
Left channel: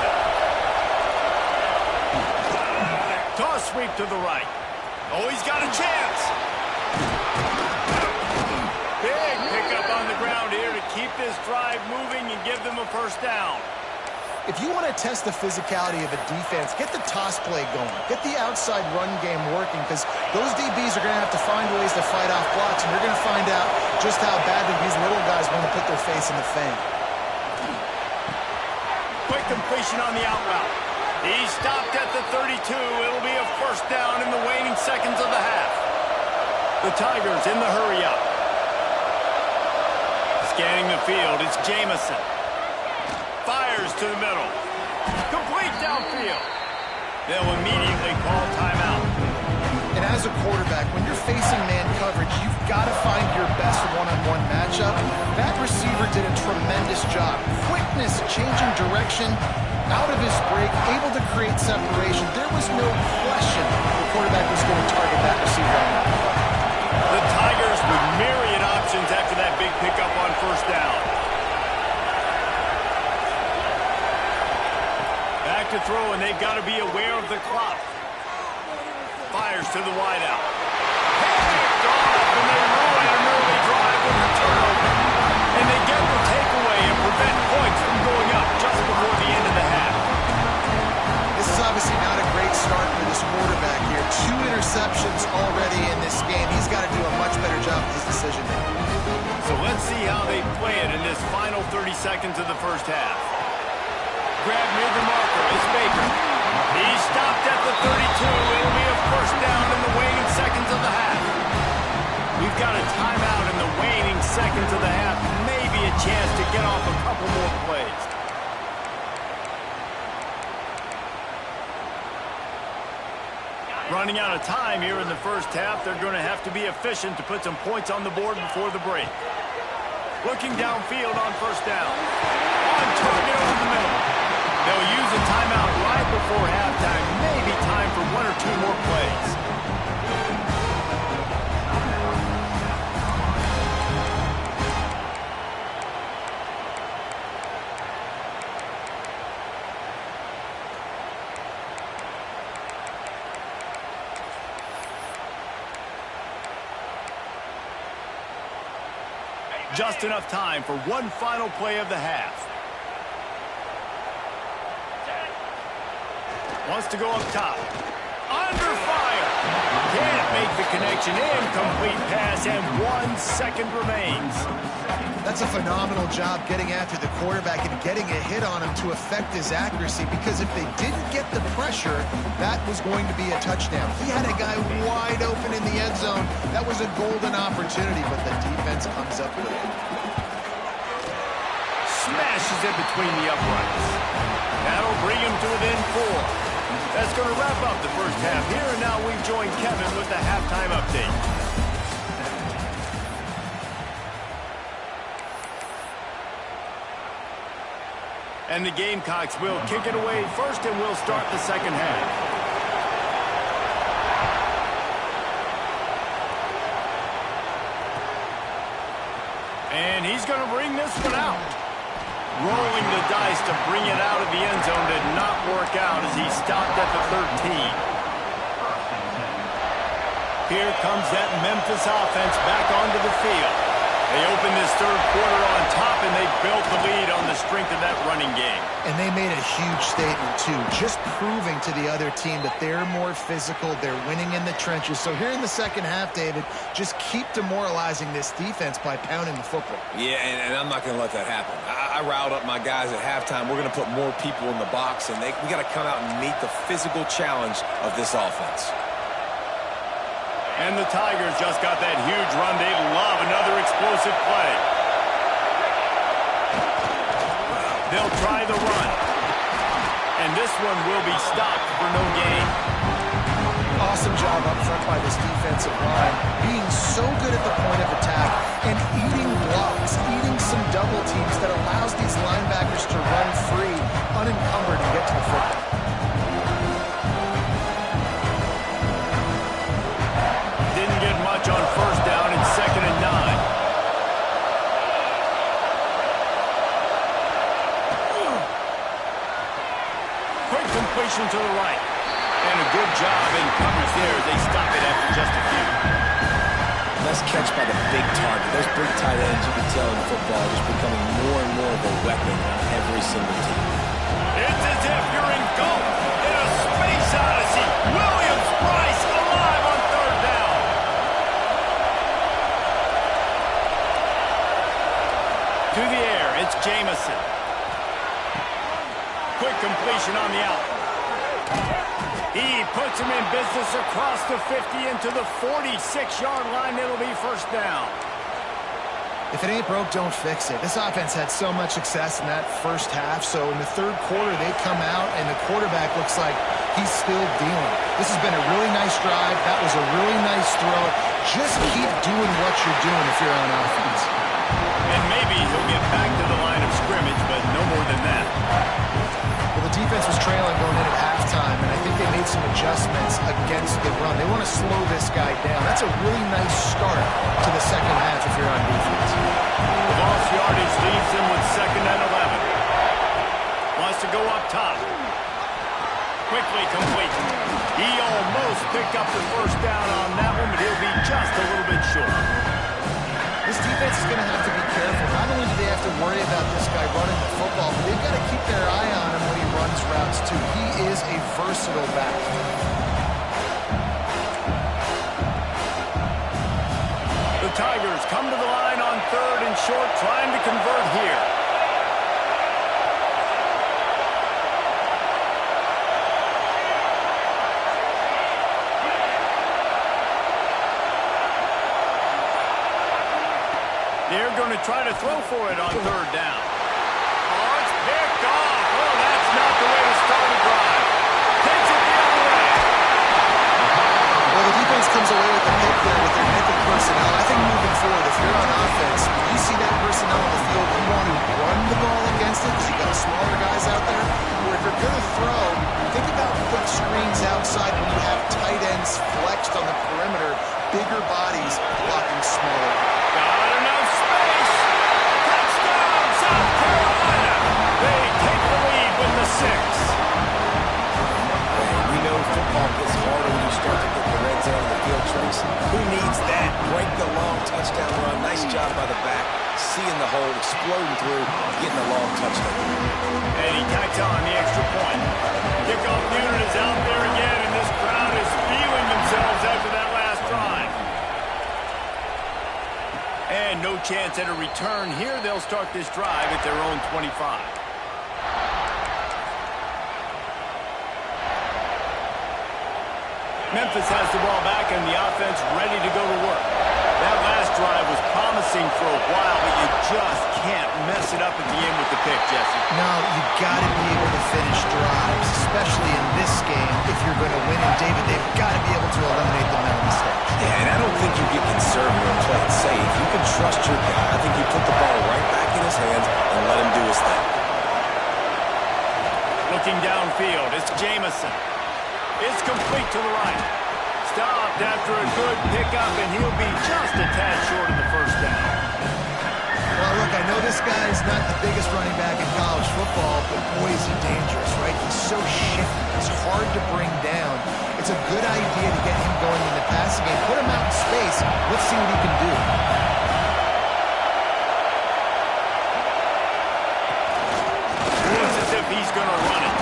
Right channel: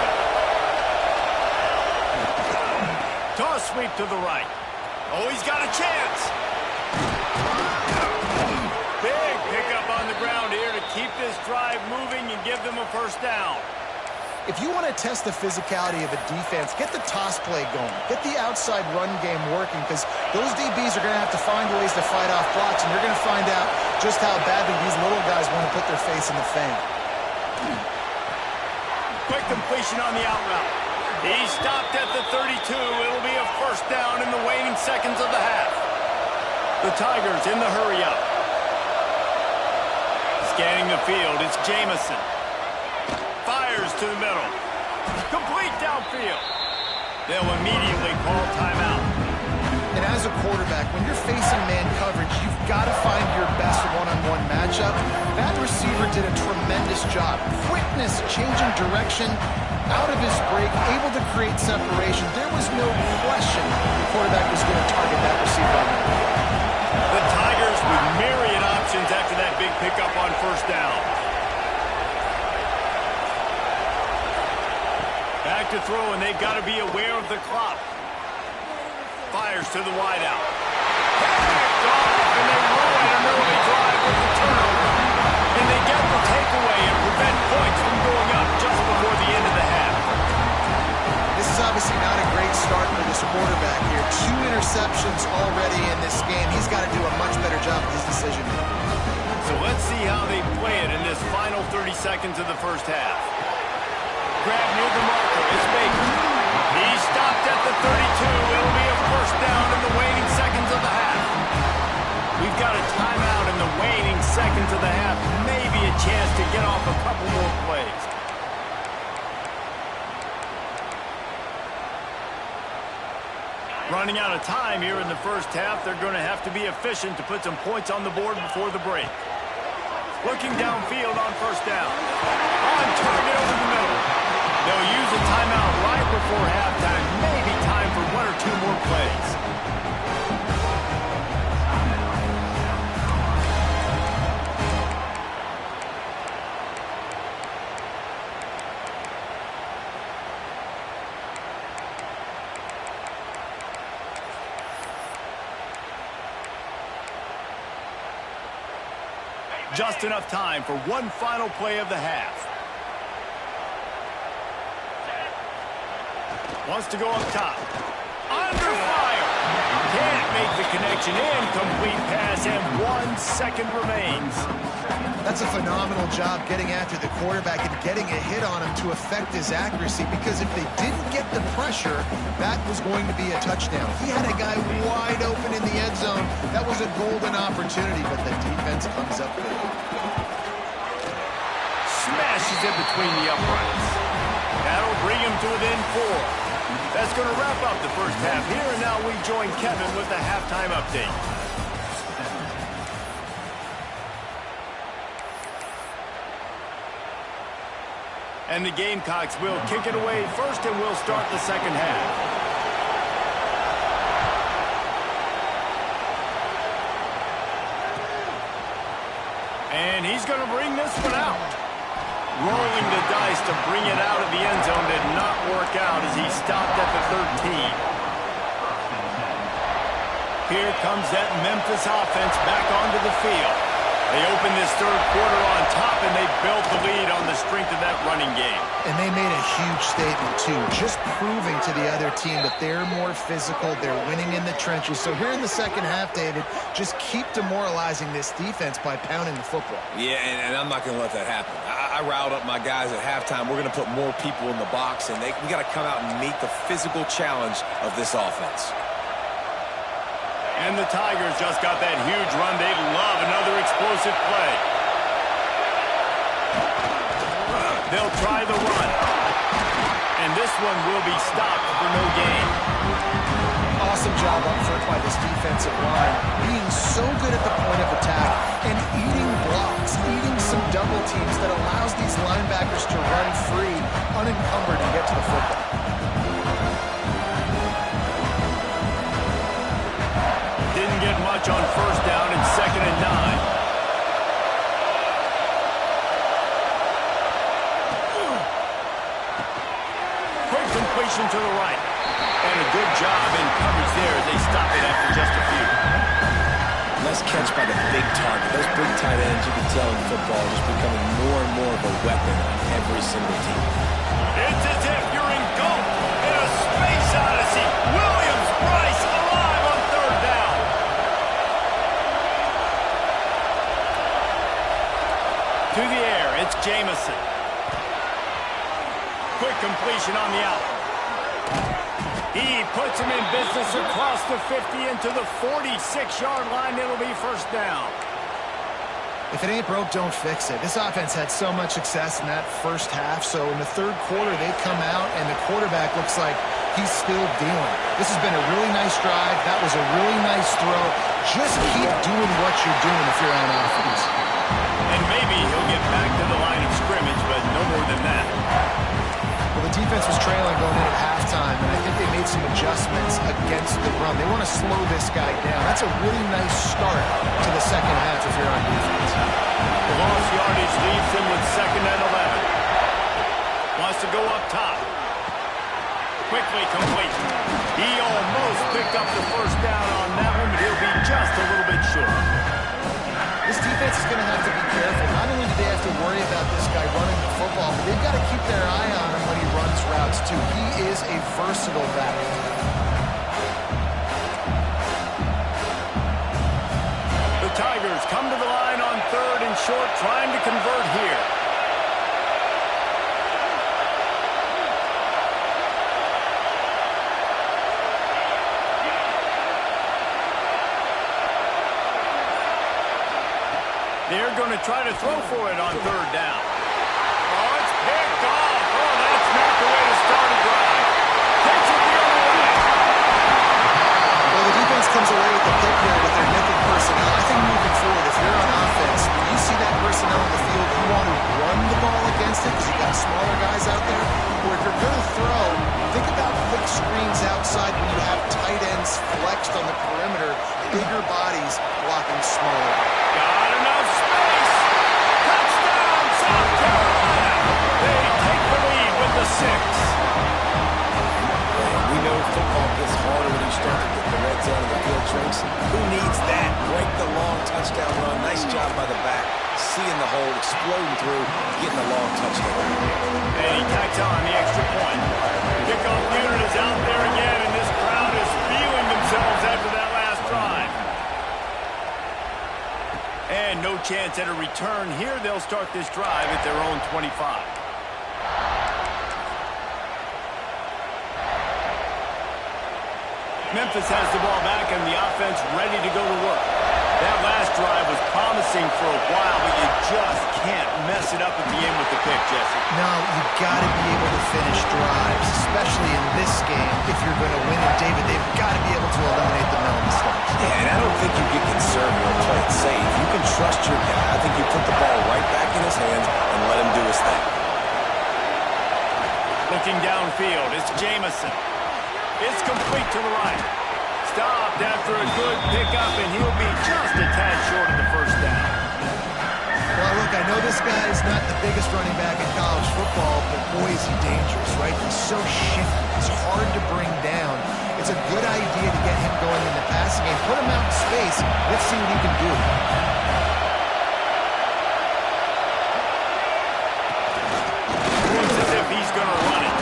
Toss sweep to the right. Oh, he's got a chance. Big pickup on the ground here to keep this drive moving and give them a first down. If you want to test the physicality of a defense, get the toss play going. Get the outside run game working, because those DBs are going to have to find ways to fight off blocks, and you're going to find out just how badly these little guys want to put their face in the fang. Quick completion on the out route. He stopped at the 32. It'll be a first down in the waning seconds of the half. The Tigers in the hurry up. Scanning the field, it's Jamison. Fires to the middle. Complete downfield. They'll immediately call timeout. And as a quarterback, when you're facing man coverage, you've got to find your best one-on-one matchup. That receiver did a tremendous job. Quickness, changing direction, out of his break, able to create separation. There was no question the quarterback was going to target that receiver on that play. The Tigers with myriad options after that big pickup on first down. Back to throw, and they've got to be aware of the clock. Fires to the wideout. Picked off, and they ruin an early drive with the turnover. And they get the takeaway and prevent points from going up just before the end of the half. This is obviously not a great start for this quarterback here. 2 interceptions already in this game. He's got to do a much better job of his decision-making. So let's see how they play it in this final 30 seconds of the first half. Grab near the marker is Baker. He stopped at the 32. It'll be a first down in the waning seconds of the half. We've got a timeout in the waning seconds of the half. Maybe a chance to get off a couple more plays. Running out of time here in the first half. They're going to have to be efficient to put some points on the board before the break. Looking downfield on first down. On target over the middle. They'll use a timeout right before halftime. Maybe time for 1 or 2 more plays. Just enough time for one final play of the half. Wants to go up top. Under fire. Can't make the connection. Incomplete pass, and 1 second remains. That's a phenomenal job getting after the quarterback and getting a hit on him to affect his accuracy, because if they didn't get the pressure, that was going to be a touchdown. He had a guy wide open in the end zone. That was a golden opportunity, but the defense comes up good. Smashes it between the uprights. That'll bring him to within 4. That's going to wrap up the first half here, and now we join Kevin with the halftime update. And the Gamecocks will kick it away first, and we'll start the second half. And he's going to bring this one out. Rolling the dice to bring it out of the end zone did not work out as he stopped at the 13. Here comes that Memphis offense back onto the field. They opened this third quarter on top, and they built the lead on the strength of that running game. And they made a huge statement, too, just proving to the other team that they're more physical, they're winning in the trenches. So here in the second half, David, just keep demoralizing this defense by pounding the football. Yeah, and I'm not going to let that happen. I riled up my guys at halftime. We're going to put more people in the box, and we got to come out and meet the physical challenge of this offense. And the Tigers just got that huge run. They'd love another explosive play. They'll try the run. And this one will be stopped for no gain. Awesome job up front by this defensive line, being so good at the point of attack and eating blocks, eating some double teams that allows these linebackers to run free, unencumbered, and get to the football. Didn't get much on first down and 2nd and 9. Quick completion to the right. And a good job in coverage there as they stop it after just a few. Nice catch by the big target. Those big tight ends, you can tell in football, are just becoming more and more of a weapon on every single team. It's as if you're engulfed in a space odyssey. Williams-Brice alive on 3rd down. To the air, it's Jamison. Quick completion on the out. He puts him in business across the 50 into the 46-yard line. It'll be 1st down. If it ain't broke, don't fix it. This offense had so much success in that first half, so in the 3rd quarter, they come out, and the quarterback looks like he's still dealing. This has been a really nice drive. That was a really nice throw. Just keep doing what you're doing if you're on offense. And maybe he'll get back to the line of scrimmage, but no more than that. Well, the defense was trailing going in at halftime, and I think they made some adjustments against the run. They want to slow this guy down. That's a really nice start to the 2nd half if you're on defense. The lost yardage leaves them with 2nd and 11. Wants to go up top. Quickly complete. He almost picked up the 1st down on that one, but he'll be just a little bit short. This defense is going to have to be careful. Not only do they have to worry about this guy running the football, but they've got to keep their eye on him when he runs routes, too. He is a versatile back. The Tigers come to the line on 3rd and short, trying to convert here. They're going to try to throw for it on 3rd down. Oh, it's picked off. Oh, that's not the way to start a drive. Takes it the other way. Well, the defense comes away with the pick there with their nickel personnel. I think moving forward, if you're on offense, when you see that personnel on the field, you want to run the ball against it because you got smaller guys out there. Or if you're going to throw, think about quick screens outside when you have tight ends flexed on the perimeter, bigger bodies blocking smaller. Got enough space. Touchdown, South Carolina. They take the lead with the 6. We know football gets harder when you start to get the red zone and the field tricks. Who needs that? Break the long touchdown run. Nice job by the back. Seeing the hole, exploding through, getting a long touchdown. And he tacks on the extra point. Kickoff unit is out there again, and this crowd is feeling themselves after that last drive. And no chance at a return here. They'll start this drive at their own 25. Memphis has the ball back and the offense ready to go to work. That last drive was promising for a while, but you just can't mess it up at the end with the pick, Jesse. No, you got to be able to finish drives, especially in this game. If you're going to win it, David, they've got to be able to eliminate the mental mistakes. Yeah, and I don't think you get conservative or play it safe. You can trust your guy. I think you put the ball right back in his hands and let him do his thing. Looking downfield, it's Jamison. It's complete to the right. Stopped after a good pickup, and he'll be just a tad short of the 1st down. Well, look, I know this guy's not the biggest running back in college football, but boy, is he dangerous, right? He's so shifty. He's hard to bring down. It's a good idea to get him going in the passing game. Put him out in space. Let's see what he can do. Looks as if he's going to run it.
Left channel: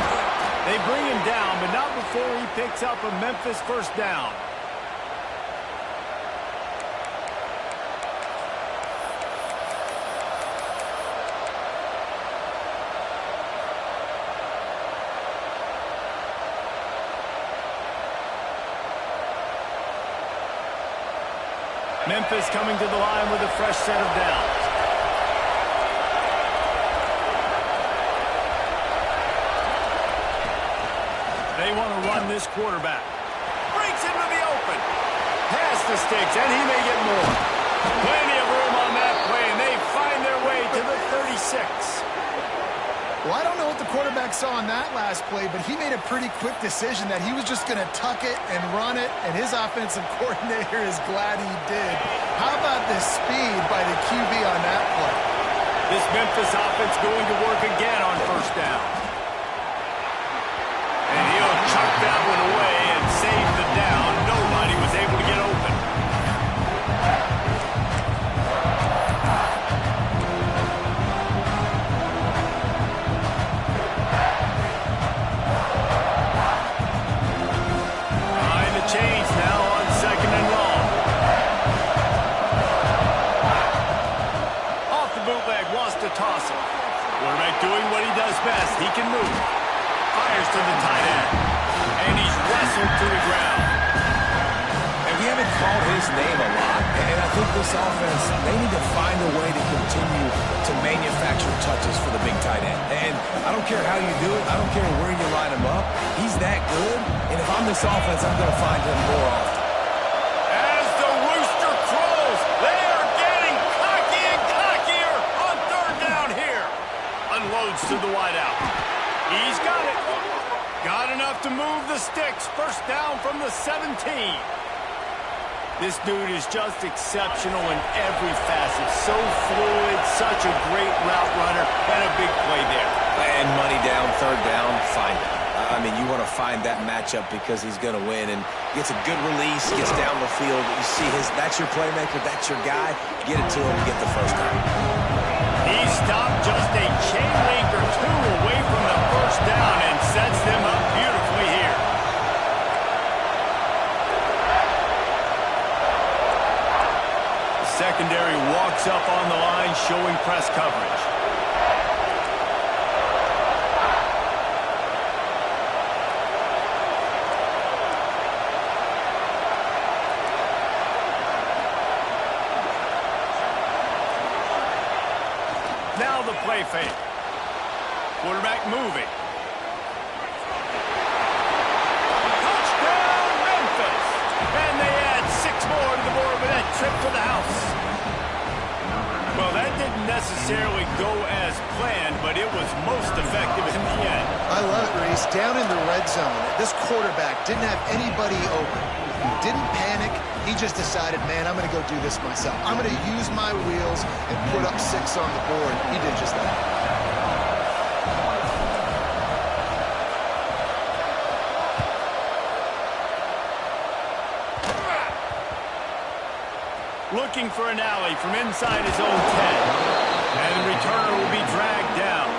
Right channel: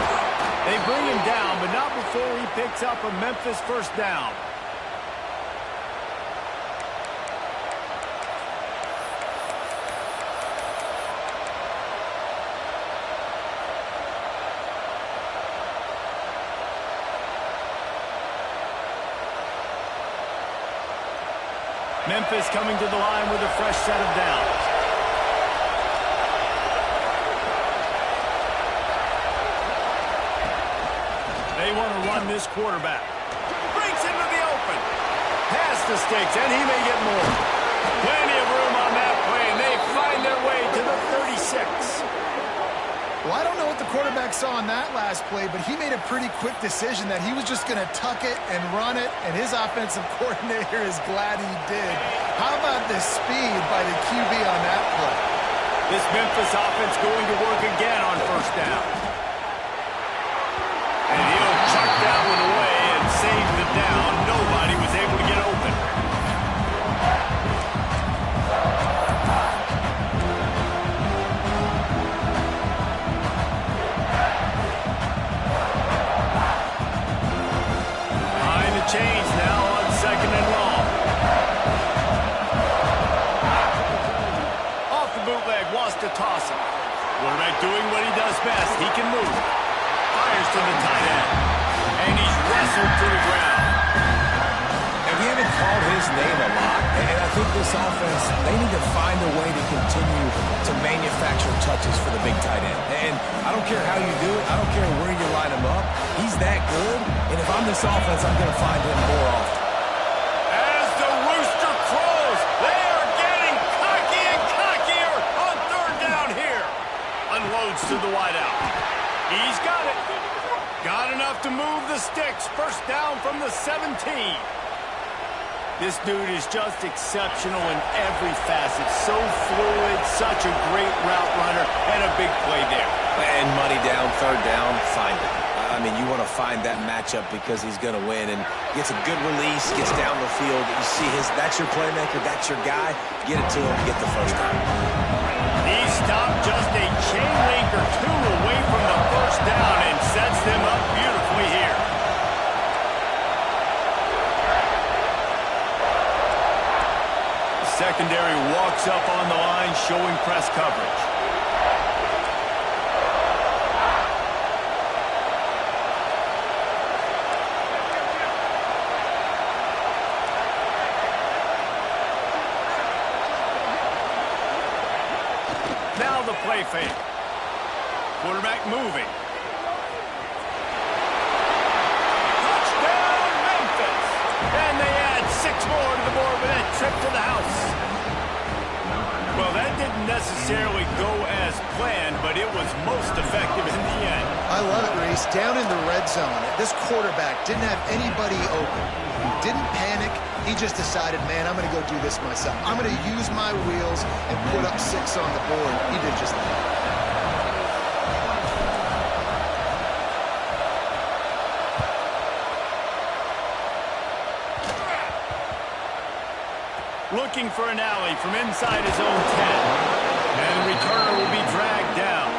They bring him down, but not before he picks up a Memphis 1st down. Memphis coming to the line with a fresh set of downs. They want to run this quarterback. breaks into the open. Past the sticks, and he may get more. Plenty of room on that play, and they find their way to the 36. Well, I don't know what the quarterback saw on that last play, but he made a pretty quick decision that he was just going to tuck it and run it, and his offensive coordinator is glad he did. How about the speed by the QB on that play? This Memphis offense going to work again on first down. And he'll chuck that one away and save the down. Nobody was able to get open. Change now on second and long. Off the bootleg, wants to toss it. Quarterback doing what he does best. He can move. Fires to the tight end. And he's wrestled to the ground. And we haven't called his name a lot. And I think this offense, they need to find a way to continue to manufacture touches for the big tight end. And I don't care how you do it. I don't care where you line him up. He's that good. And if I'm this offense, I'm going to find him more often. As the rooster crows, they are getting cocky and cockier on third down here. Unloads to the wideout. He's got it. Got enough to move the sticks. First down from the 17. This dude is just exceptional in every facet. So fluid, such a great route runner, and a big play there. And money down, third down, find it. I mean, you want to find that matchup because he's going to win, and gets a good release, gets down the field. You see that's your playmaker, that's your guy. Get it to him, get the first down. He stopped just a chain link or two away from the first down and sets them up beautifully here. The secondary walks up on the line, showing press coverage. Now the play fake. Quarterback moving. Touchdown, Memphis! And they add 6 more to the board with that trip to the house. Well, that didn't necessarily go as planned, but it was most effective in the end. I love it, Reese. Down in the red zone, this quarterback didn't have anybody open. He didn't panic. He just decided, man, I'm going to go do this myself. I'm going to use my wheels and put up 6 on the board. He did just that. Looking for an alley from inside his own 10. And the returner will be dragged down.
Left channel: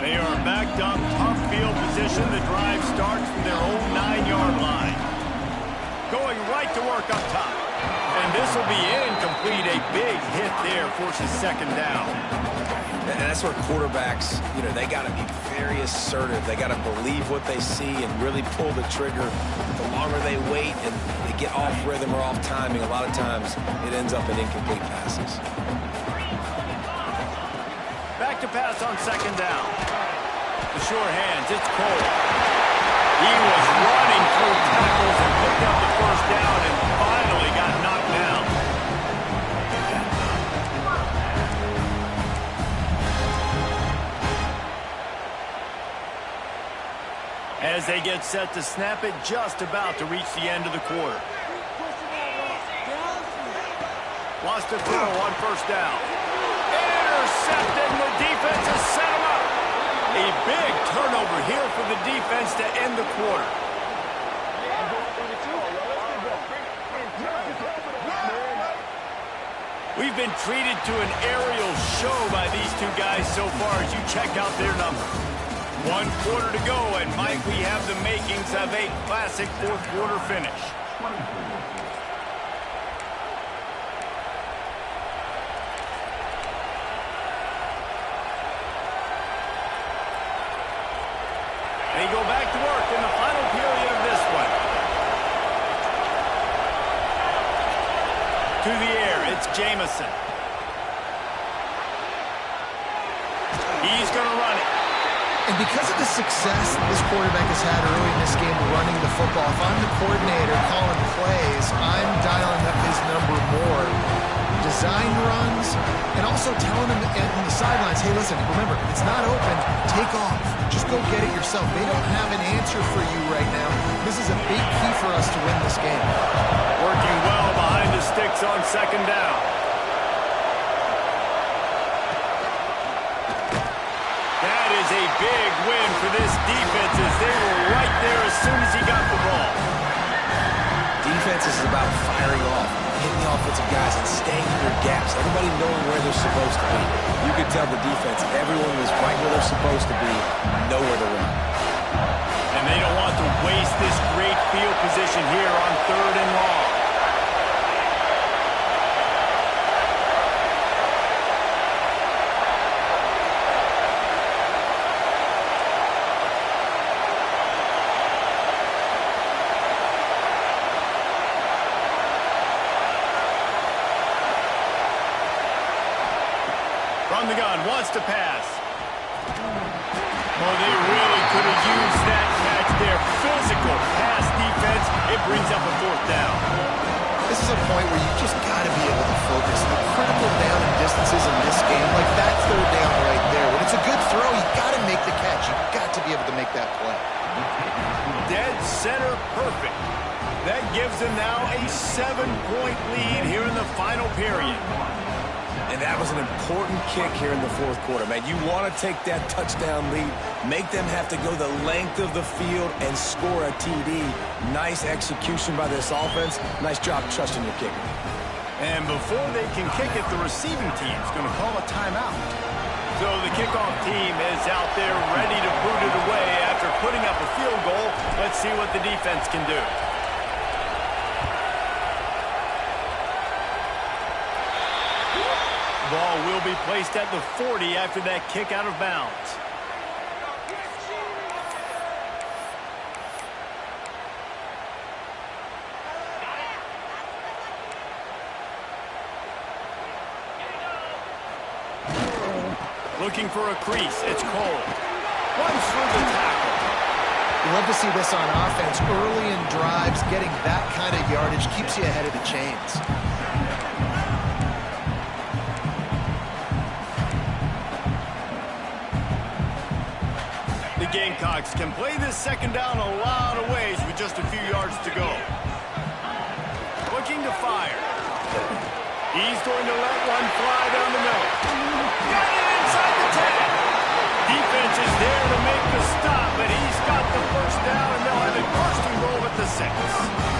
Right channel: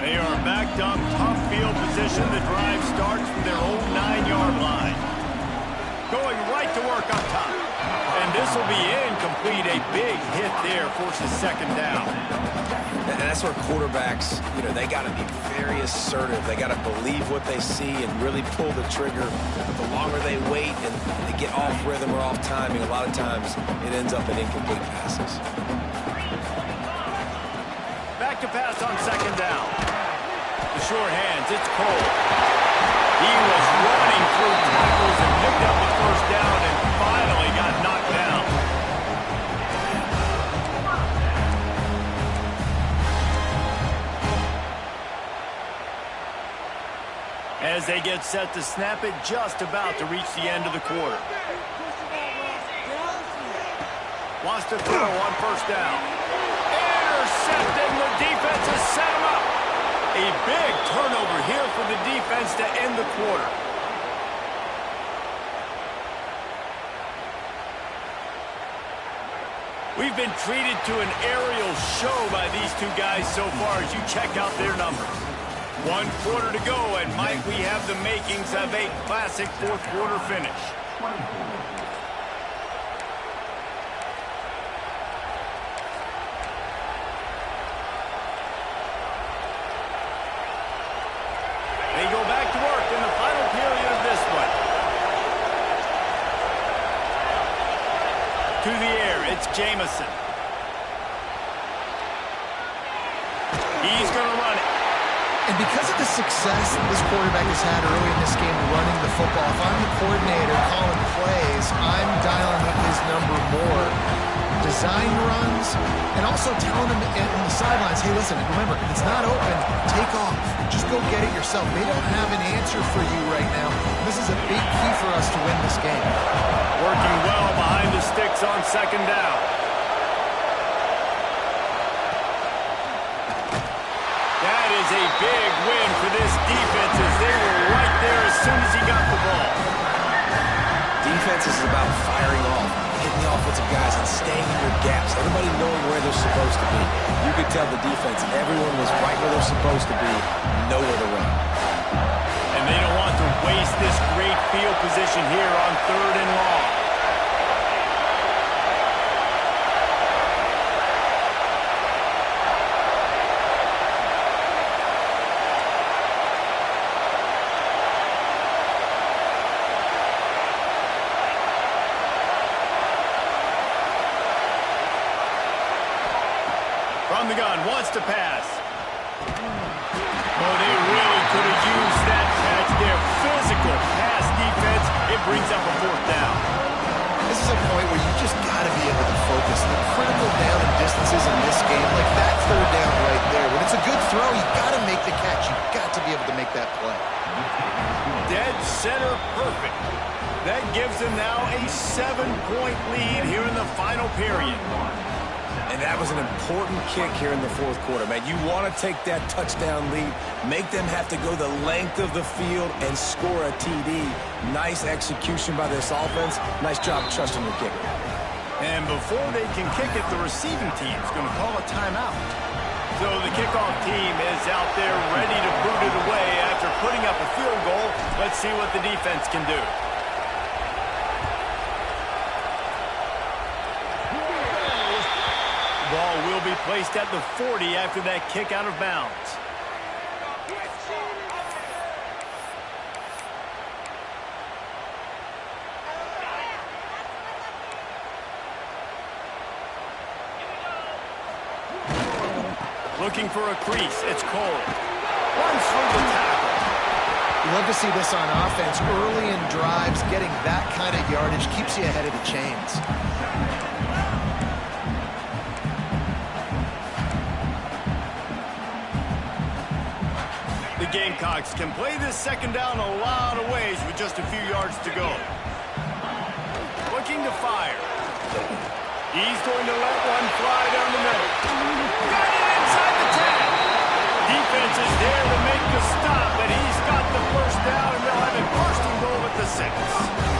They are backed up, tough field position. The drive starts from their own 9-yard line. Going right to work up top. And this will be incomplete. A big hit there forces second down. And that's where quarterbacks, they got to be very assertive. They got to believe what they see and really pull the trigger. The longer they wait and they get off rhythm or off timing, a lot of times it ends up in incomplete passes. Back to pass on second down. The sure hands, it's Cole. He was running through tackles and picked up the first down and finally got knocked down. As they get set to snap it, just about to reach the end of the quarter. Wants to throw on first down. Intercepting, the defense has set him up. A big turnover here for the defense to end the quarter. We've been treated to an aerial show by these two guys so far as you check out their numbers. 1 quarter to go, and Mike, we have the makings of a classic fourth quarter finish. They go back to work in the final period of this To the air, it's Jamison. He's going to run it. And because of the success this quarterback has had early in this game running the football, if I'm the coordinator calling plays, I'm dialing up his number more. Design runs, and also telling him on the sidelines, hey, listen, remember, if it's not open, take off. Just go get it yourself. They don't have an answer for you right now. This is a big key for us to win this game. Working well behind the sticks on second down. That is a big win for this defense as they were right there as soon as he got the ball. Defense is about firing off, hitting the offensive guys and staying in your gaps. Everybody knowing where they're supposed to be. You could tell the defense, everyone was right where they're supposed to be, nowhere to run. And they don't want to waste this great field position here on 3rd and long. From the gun, wants to pass. Oh, they really could have used that catch there. Physical pass defense. It brings up a 4th down. This is a point where you just got to be able to focus. The critical down and distances in this game, like that 3rd down right there. When it's a good throw, you got to make the catch. You got to be able to make that play. Dead center perfect. That gives them now a 7-point lead here in the final period. And that was an important kick here in the 4th quarter, man. You want to take that touchdown lead, make them have to go the length of the field and score a TD. Nice execution by this offense. Nice job trusting your kicker. And before they can kick it, the receiving team is going to call a timeout. So the kickoff team is out there ready to boot it away after putting up a field goal. Let's see what the defense can do. Ball will be placed at the 40 after that kick out of bounds. Looking for a crease. It's Cole. Runs through the tackle. You love to see this on offense. Early in drives, getting that kind of yardage keeps you ahead of the chains. The Gamecocks can play this 2nd down a lot of ways with just a few yards to go. Looking to fire. He's going to let one fly down the middle. Got it inside the 10. Defense is there to make the stop, but he's got the 1st down, and they'll have it 1st and goal at the 6.